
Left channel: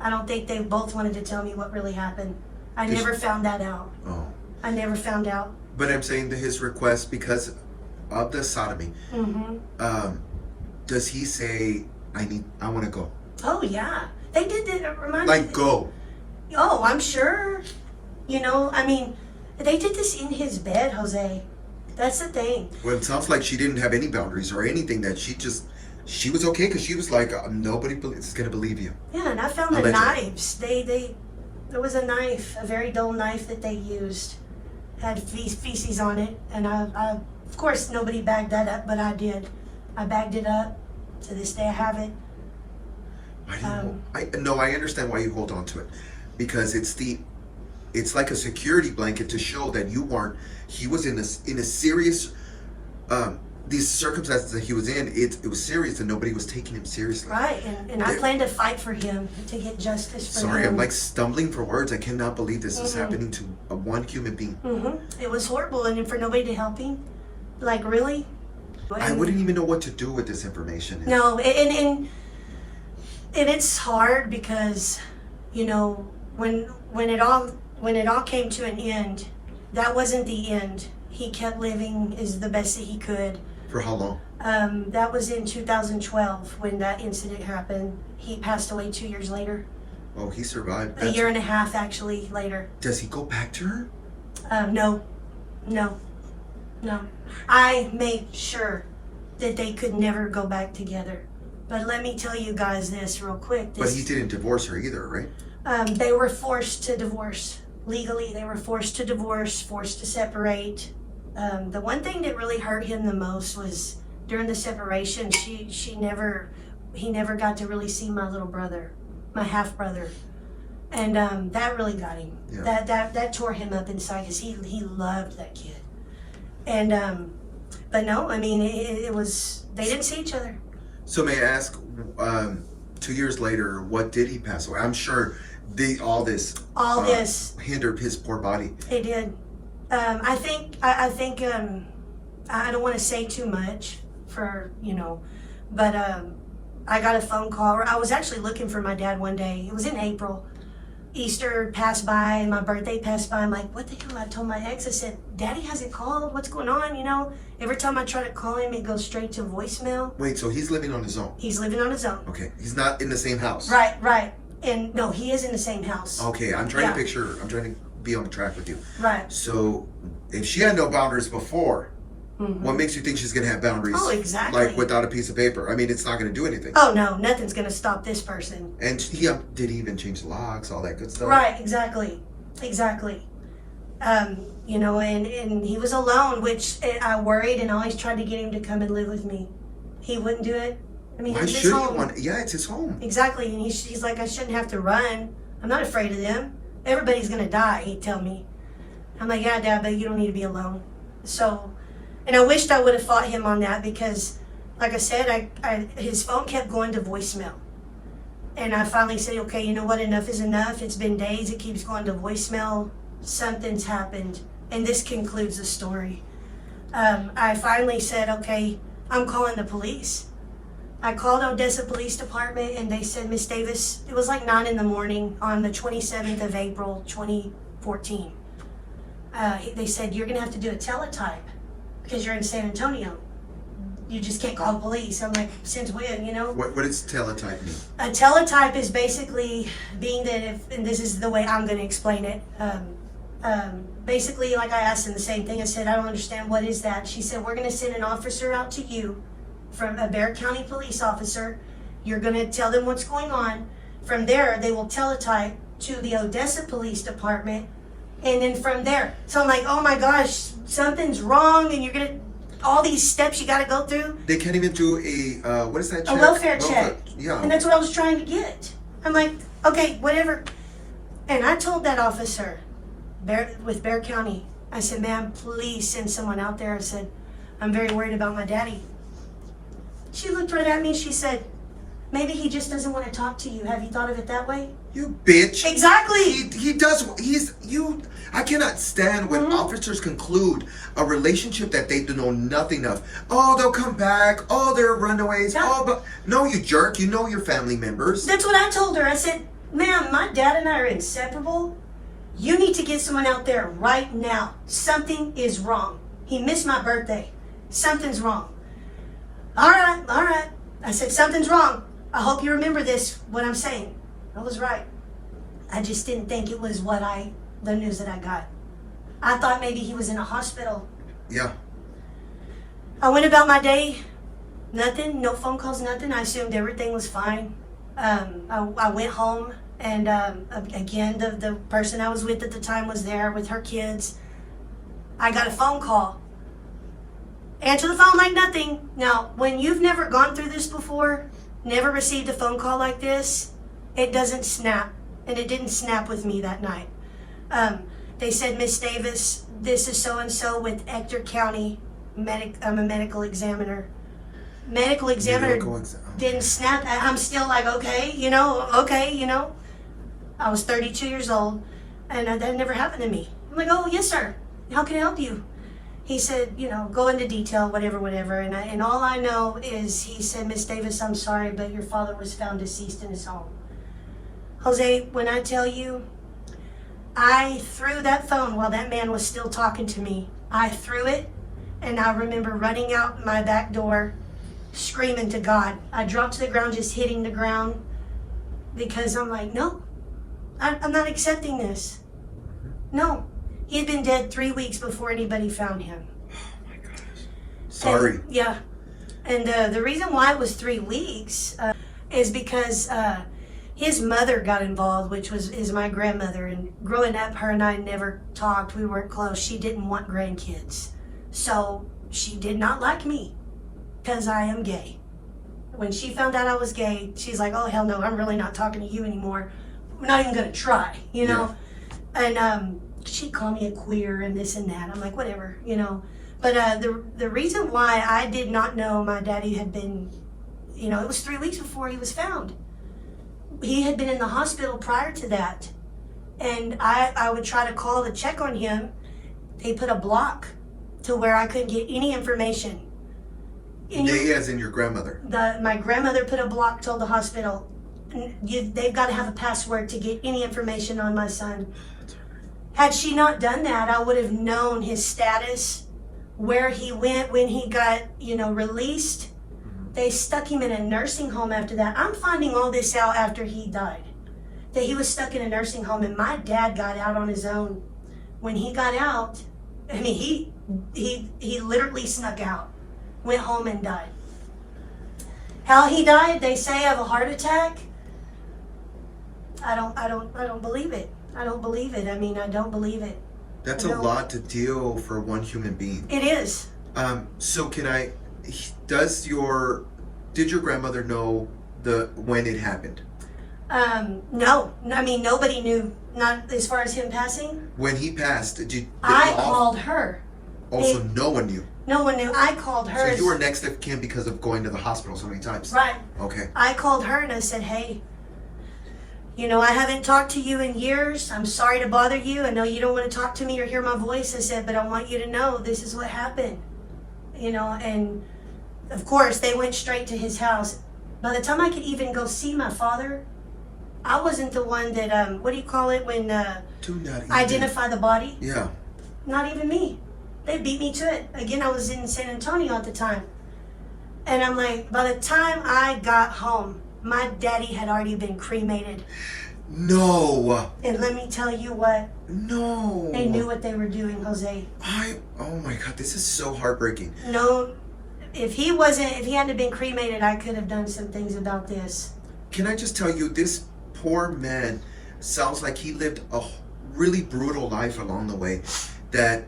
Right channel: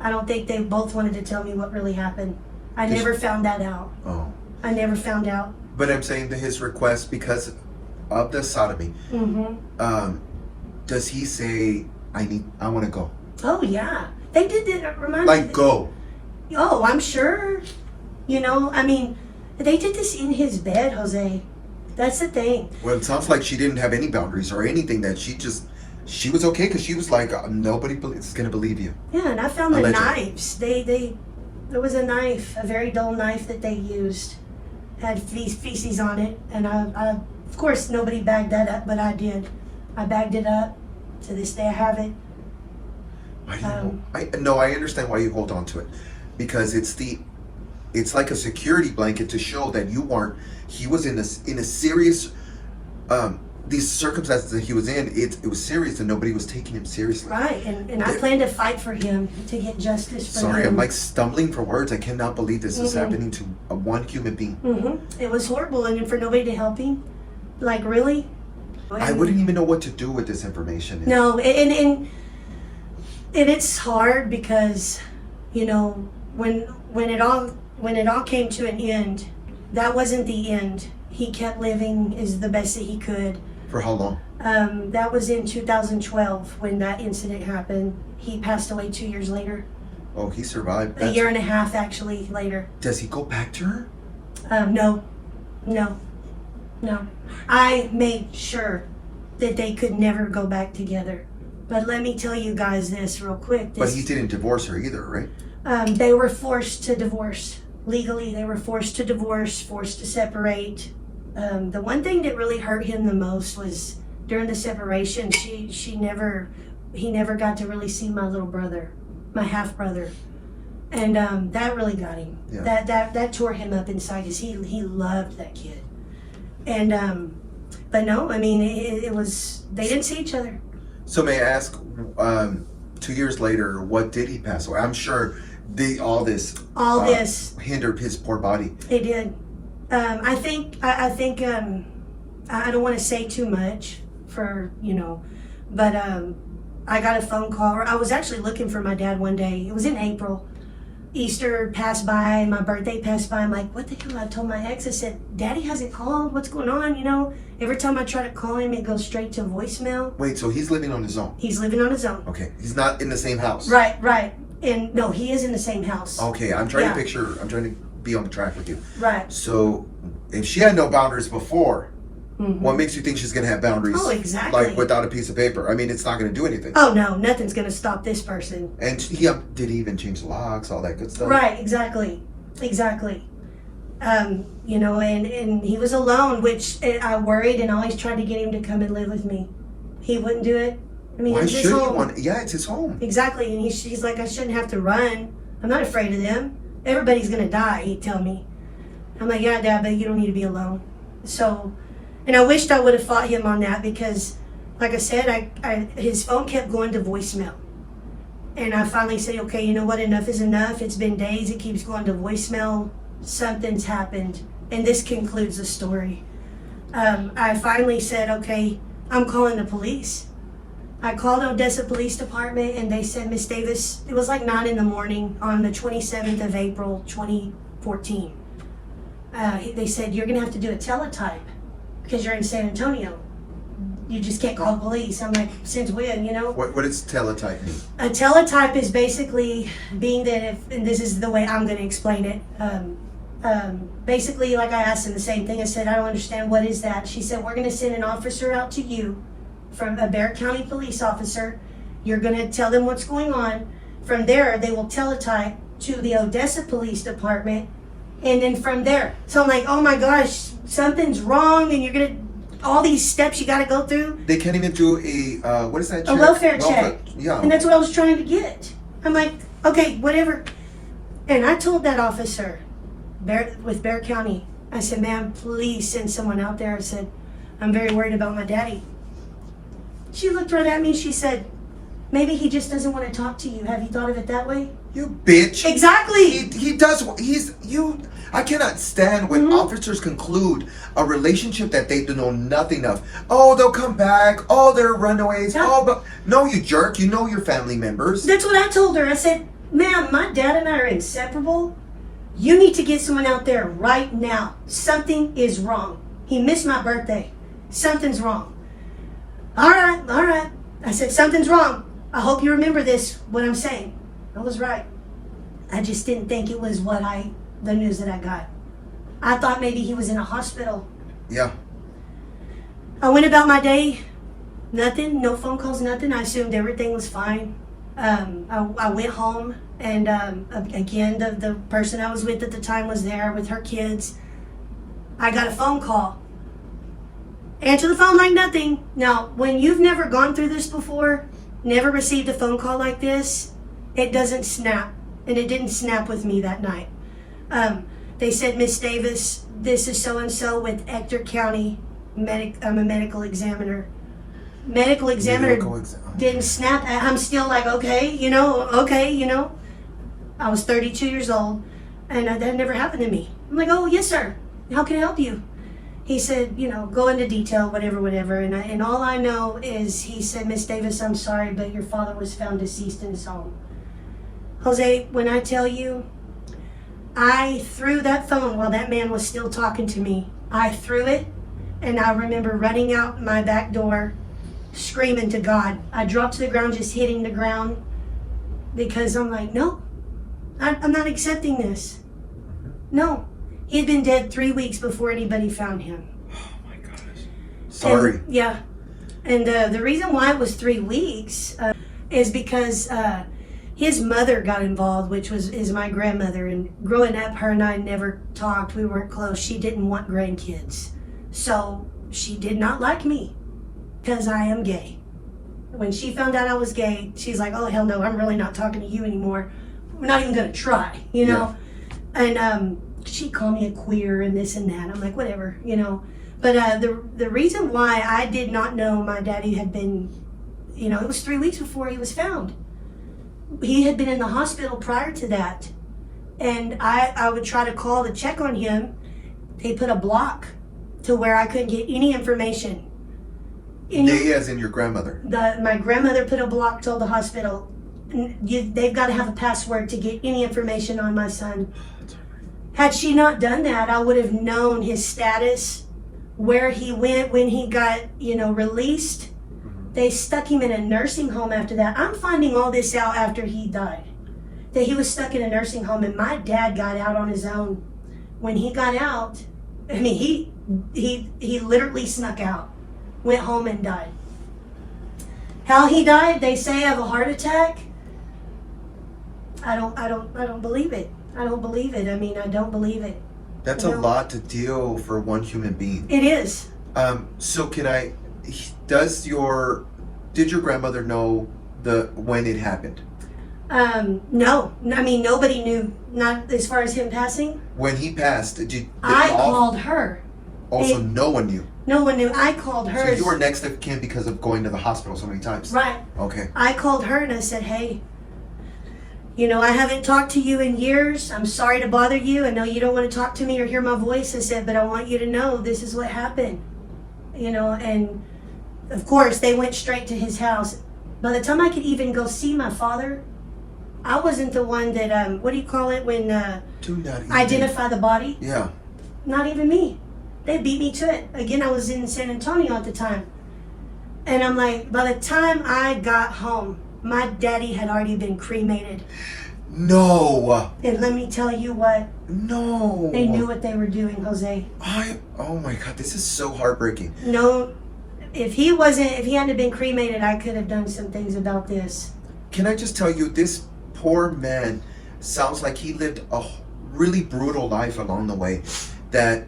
I don't think they both wanted to tell me what really happened. I never found that out. Oh. I never found out. But I'm saying that his request, because of the sodomy, does he say, I want to go? Oh, yeah. They did remind me. Like, go. Oh, I'm sure. They did this in his bed, Jose. That's the thing. Well, it sounds like she didn't have any boundaries or anything, that she was okay, because she was like, nobody is going to believe you. Yeah, and I found the knives. There was a knife, a very dull knife that they used. Had feces on it, and I of course, nobody bagged that up, but I did. I bagged it up. To this day, I have it. I understand why you hold on to it, because it's like a security blanket to show that he was in a serious, these circumstances that he was in, it was serious and nobody was taking him seriously. Right, and I plan to fight for him, to get justice for him. Sorry, I'm like stumbling for words. I cannot believe this is happening to one human being. It was horrible, and for nobody to help him, like, really? I wouldn't even know what to do with this information. No, and it's hard because, when it all came to an end, that wasn't the end. He kept living is the best that he could. For how long? That was in 2012 when that incident happened. He passed away 2 years later. Oh, he survived. A year and a half, actually, later. Does he go back to her? No. No. I made sure that they could never go back together. But let me tell you guys this real quick. But he didn't divorce her either, right? They were forced to divorce. Legally, they were forced to divorce, forced to separate. The one thing that really hurt him the most was during the separation, he never got to really see my little brother, my half brother. And that really got him. Yeah. That tore him up inside because he loved that kid. And but no, I mean it was, they didn't see each other. So may I ask, 2 years later, what did he pass away? I'm sure all this hindered his poor body. It did. I think I don't want to say too much for, but I got a phone call. I was actually looking for my dad one day. It was in April. Easter passed by, my birthday passed by. I'm like, what the hell? I told my ex, I said, Daddy hasn't called. What's going on? Every time I try to call him, it goes straight to voicemail. Wait, so he's living on his own? He's living on his own. Okay, he's not in the same house. Right. And no, he is in the same house. Okay, I'm trying to be on track with you. Right. So if she had no boundaries before, what makes you think she's going to have boundaries? Oh, exactly. Like without a piece of paper. I mean, it's not going to do anything. Oh, no, nothing's going to stop this person. And did he even change the locks, all that good stuff? Right, exactly. And he was alone, which I worried and always tried to get him to come and live with me. He wouldn't do it. I mean, why should he want? Yeah, it's his home. Exactly, and he's like, I shouldn't have to run. I'm not afraid of them. Everybody's going to die, he'd tell me. I'm like, yeah, Dad, but you don't need to be alone. So... And I wished I would have fought him on that because, like I said, his phone kept going to voicemail. And I finally said, okay, you know what? Enough is enough. It's been days. It keeps going to voicemail. Something's happened. And this concludes the story. I finally said, okay, I'm calling the police. I called Odessa Police Department and they said, Miss Davis, it was like 9 a.m. on the 27th of April, 2014. They said, you're going to have to do a teletype. Because you're in San Antonio. You just can't call police. I'm like, since when, What does teletype mean? A teletype is basically being that and this is the way I'm going to explain it. Basically, like I asked them the same thing. I said, I don't understand. What is that? She said, we're going to send an officer out to you from a Bexar County police officer. You're going to tell them what's going on. From there, they will teletype to the Odessa Police Department. And then from there, so I'm like, oh my gosh, something's wrong, and all these steps you got to go through. They can't even do a, what is that check? A welfare check. Yeah. And that's what I was trying to get. I'm like, okay, whatever. And I told that officer with Bexar County, I said, ma'am, please send someone out there. I said, I'm very worried about my daddy. She looked right at me and she said, maybe he just doesn't want to talk to you. Have you thought of it that way? You bitch. Exactly. He does. I cannot stand when officers conclude a relationship that they know nothing of. Oh, they'll come back. Oh, they're runaways. Yeah. Oh, but no, you jerk. You know your family members. That's what I told her. I said, ma'am, my dad and I are inseparable. You need to get someone out there right now. Something is wrong. He missed my birthday. Something's wrong. All right. I said, something's wrong. I hope you remember this, what I'm saying. I was right. I just didn't think it was the news that I got. I thought maybe he was in a hospital. Yeah. I went about my day. Nothing, no phone calls, nothing. I assumed everything was fine. I went home and again, the person I was with at the time was there with her kids. I got a phone call. Answer the phone like nothing. Now, when you've never gone through this before, never received a phone call like this, it doesn't snap. And it didn't snap with me that night. They said, Miss Davis, this is so-and-so with Ector County. I'm a medical examiner. Medical examiner didn't snap. I'm still like, okay. I was 32 years old, and that never happened to me. I'm like, oh, yes, sir. How can I help you? He said, go into detail, whatever. And all I know is he said, Miss Davis, I'm sorry, but your father was found deceased in his home. Jose, when I tell you, I threw that phone while that man was still talking to me. I threw it, and I remember running out my back door, screaming to God. I dropped to the ground, just hitting the ground, because I'm like, no, I'm not accepting this. No. He had been dead 3 weeks before anybody found him. Oh my Sorry. Yeah. And the reason why it was 3 weeks is because his mother got involved, which is my grandmother. And growing up, her and I never talked. We weren't close. She didn't want grandkids. So she did not like me because I am gay. When she found out I was gay, she's like, oh, hell no, I'm really not talking to you anymore. We're not even going to try, you know? Yeah. And she called me a queer and this and that. I'm like, whatever, you know? But the reason why I did not know my daddy had been, you know, it was 3 weeks before he was found. He had been in the hospital prior to that. And I would try to call to check on him. They put a block to where I couldn't get any information. They, as in your grandmother? My grandmother put a block, told the hospital, they've got to have a password to get any information on my son. Had she not done that, I would have known his status, where he went when he got, you know, released. They stuck him in a nursing home after that. I'm finding all this out after he died, that he was stuck in a nursing home, and my dad got out on his own. When he got out, I mean, he literally snuck out, went home and died. How he died, they say, of a heart attack. I don't believe it. I don't believe it. I mean, I don't believe it. That's a lot to deal for one human being. It is. So did your grandmother know when it happened? No. I mean, nobody knew, not as far as him passing. When he passed, I called her. Also, no one knew. No one knew. I called her. So you were next of kin because of going to the hospital so many times. Right. Okay. I called her and I said, hey, you know, I haven't talked to you in years. I'm sorry to bother you. I know you don't want to talk to me or hear my voice. I said, but I want you to know this is what happened. You know, and of course they went straight to his house. By the time I could even go see my father, I wasn't the one that, what do you call it when identify the body? Yeah. Not even me. They beat me to it. Again, I was in San Antonio at the time. And I'm like, by the time I got home, my daddy had already been cremated. No. And let me tell you what. No. They knew what they were doing, Jose. Oh my God, this is so heartbreaking. No, if he hadn't been cremated, I could have done some things about this. Can I just tell you, this poor man sounds like he lived a really brutal life along the way, that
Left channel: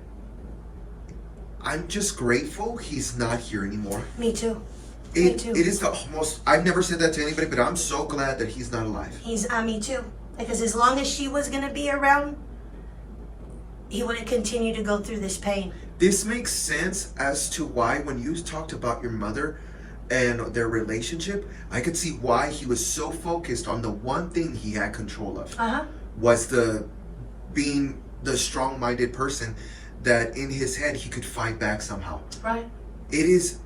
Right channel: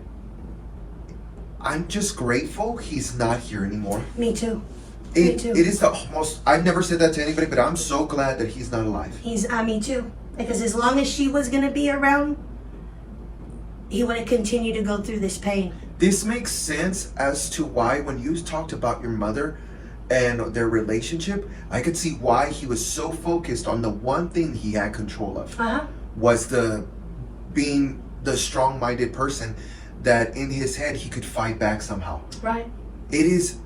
I'm just grateful he's not here anymore. Me too. Me too. It is the most, I've never said that to anybody, but I'm so glad that he's not alive. Me too. Because as long as she was going to be around, he would have continued to go through this pain. This makes sense as to why when you talked about your mother and their relationship, I could see why he was so focused on the one thing he had control of. Was being the strong-minded person that in his head he could fight back somehow. Right. It's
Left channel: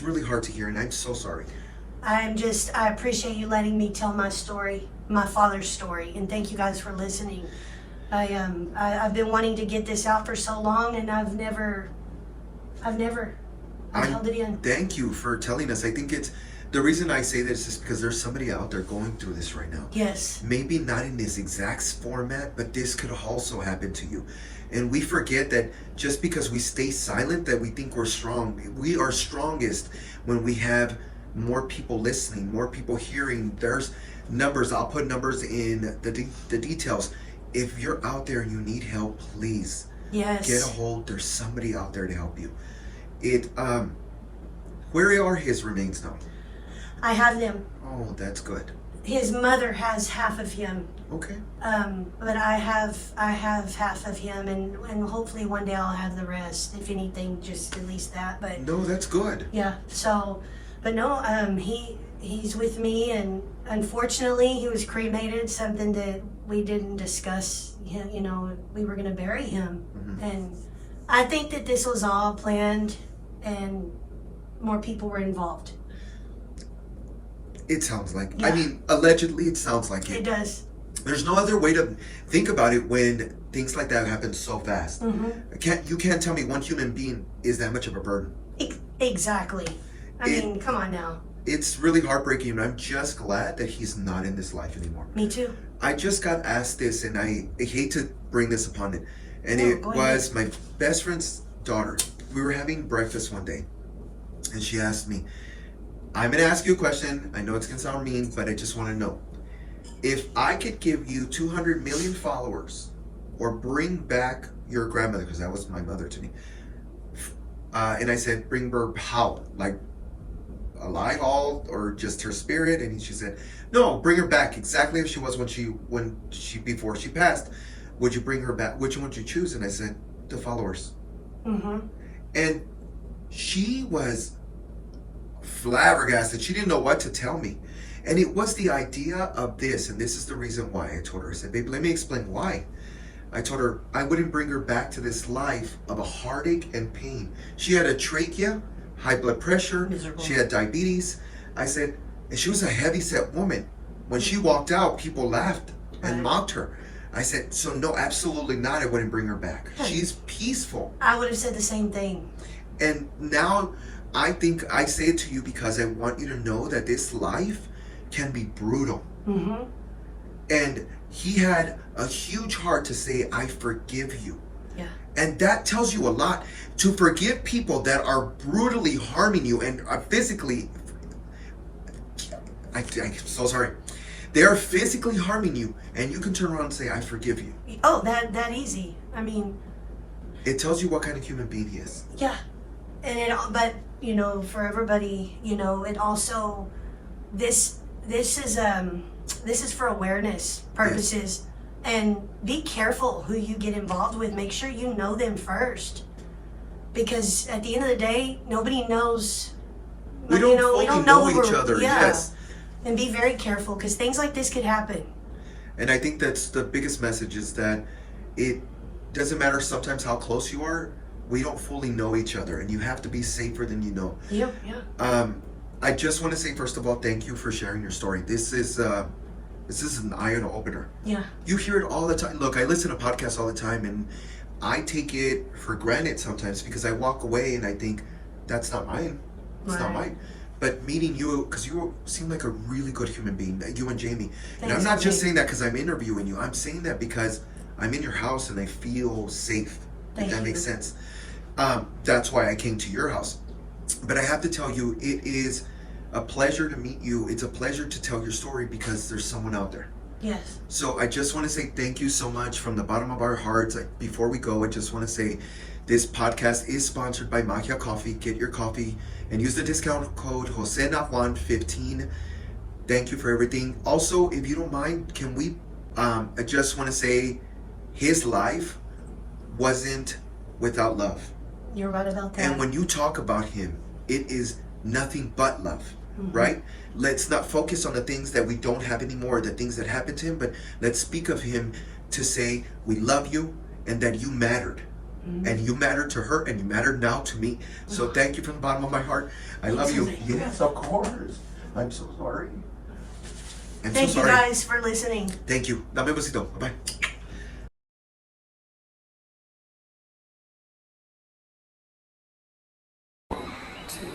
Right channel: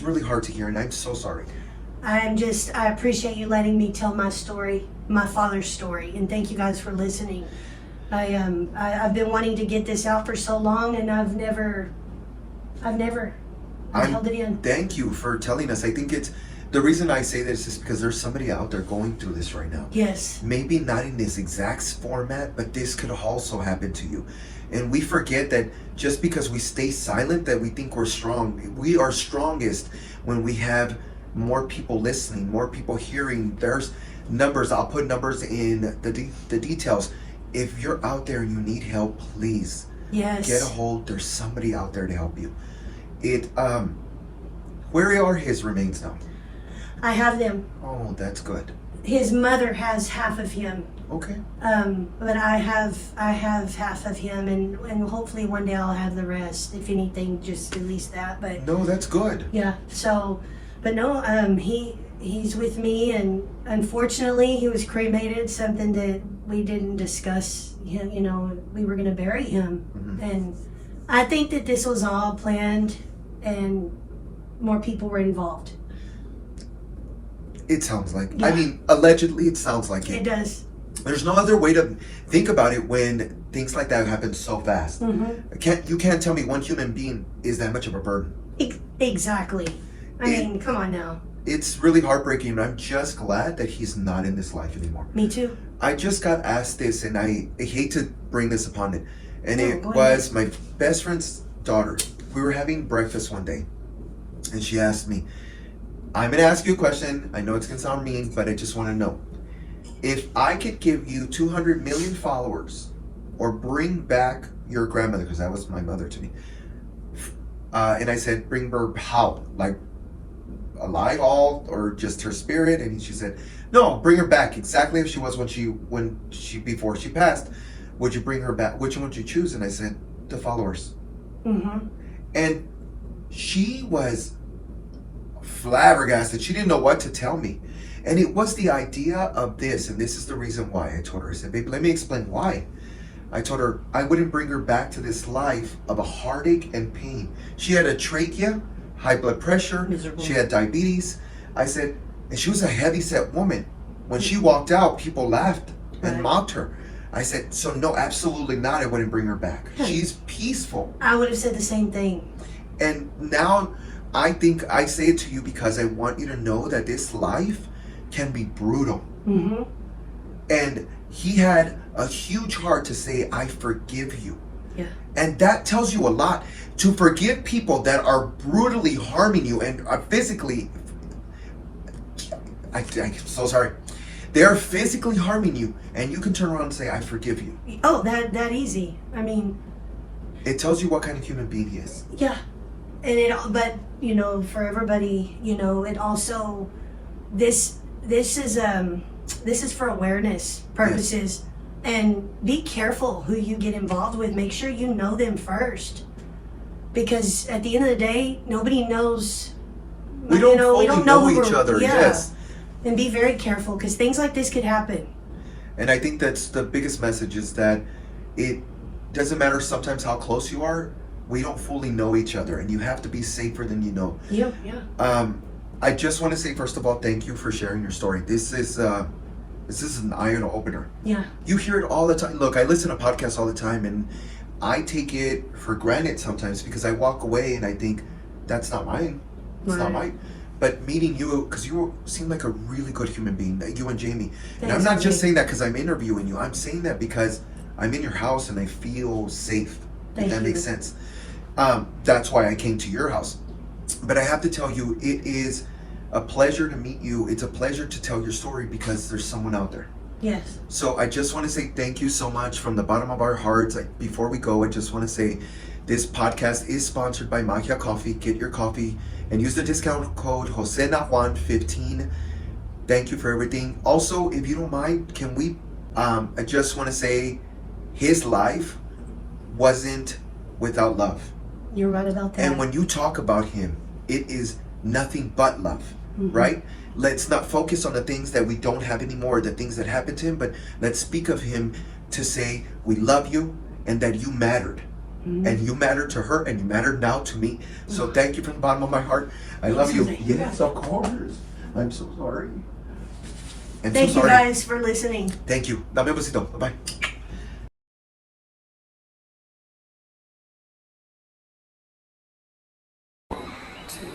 really hard to hear, and I'm so sorry. I appreciate you letting me tell my story, my father's story, and thank you guys for listening. I've been wanting to get this out for so long, and I've never held it in. Thank you for telling us. I think the reason I say this is because there's somebody out there going through this right now. Yes. Maybe not in this exact format, but this could also happen to you. And we forget that just because we stay silent, that we think we're strong. We are strongest when we have more people listening, more people hearing. There's numbers. I'll put numbers in the details. If you're out there and you need help, please get a hold. There's somebody out there to help you. Where are his remains now? I have them. Oh, that's good. His mother has half of him. Okay. But I have half of him, and hopefully one day I'll have the rest. If anything, just at least that. But no, that's good. Yeah. So, but no, he's with me, and unfortunately he was cremated. Something that we didn't discuss. You know, we were gonna bury him, and I think that this was all planned, and more people were involved. It sounds like. Yeah. I mean, allegedly, it sounds like it. It does. There's no other way to think about it when things like that happen so fast. You can't tell me one human being is that much of a burden. Exactly. I mean, come on now. It's really heartbreaking, and I'm just glad that he's not in this life anymore. Me too. I just got asked this, and I hate to bring this upon it. And it was my best friend's daughter. We were having breakfast one day, and she asked me, I'm going to ask you a question. I know it's going to sound mean, but I just want to know. If I could give you 200 million followers or bring back your grandmother, because that was my mother to me, and I said, bring her how? Like alive all or just her spirit? And she said, no, bring her back exactly as she was when she before she passed. Would you bring her back? Which one would you choose? And I said, the followers. Mm-hmm. And she was flabbergasted. She didn't know what to tell me. And it was the idea of this, and this is the reason why. I told her, I said, babe, let me explain why. I told her I wouldn't bring her back to this life of a heartache and pain. She had a trachea, high blood pressure, she had diabetes. I said, and she was a heavy-set woman. When she walked out, people laughed and mocked her. I said, so no, absolutely not. I wouldn't bring her back. She's peaceful. I would have said the same thing. And now I think I say it to you because I want you to know that this life can be brutal. Mm-hmm. And he had a huge heart to say, I forgive you. Yeah. And that tells you a lot. To forgive people that are brutally harming you and are physically, I'm so sorry. They're physically harming you, and you can turn around and say, I forgive you. Oh, that easy. I mean, it tells you what kind of human being he is. Yeah. And but you know, for everybody, you know, it also, this is for awareness purposes. Yes. And be careful who you get involved with. Make sure you know them first, because at the end of the day, nobody knows. We don't know each other. Yeah. Yes. And be very careful, because things like this could happen. And I think that's the biggest message, is that it doesn't matter sometimes how close you are. We don't fully know each other, and you have to be safer than you know. Yeah, yeah. I just want to say, first of all, thank you for sharing your story. This is an eye opener. Yeah. You hear it all the time. Look, I listen to podcasts all the time, and I take it for granted sometimes because I walk away and I think, that's not mine. It's not mine. But meeting you, because you seem like a really good human being, you and Jamie. And I'm not just saying that because I'm interviewing you. I'm saying that because I'm in your house and I feel safe. If that makes sense. That's why I came to your house. But I have to tell you, it is a pleasure to meet you. It's a pleasure to tell your story because there's someone out there. Yes. So I just want to say thank you so much from the bottom of our hearts. Before we go, I just want to say this podcast is sponsored by Magia Coffee. Get your coffee and use the discount code JoseNajuan15. Thank you for everything. Also, if you don't mind, can we, I just want to say his life wasn't without love. You're right about that. And when you talk about him, it is nothing but love, right? Let's not focus on the things that we don't have anymore, the things that happened to him, but let's speak of him to say, we love you and that you mattered. And you mattered to her and you mattered now to me. So thank you from the bottom of my heart. I love you. Yes, of course. I'm so sorry. Thank you guys for listening. Thank you. Dame un besito. Bye-bye. Two.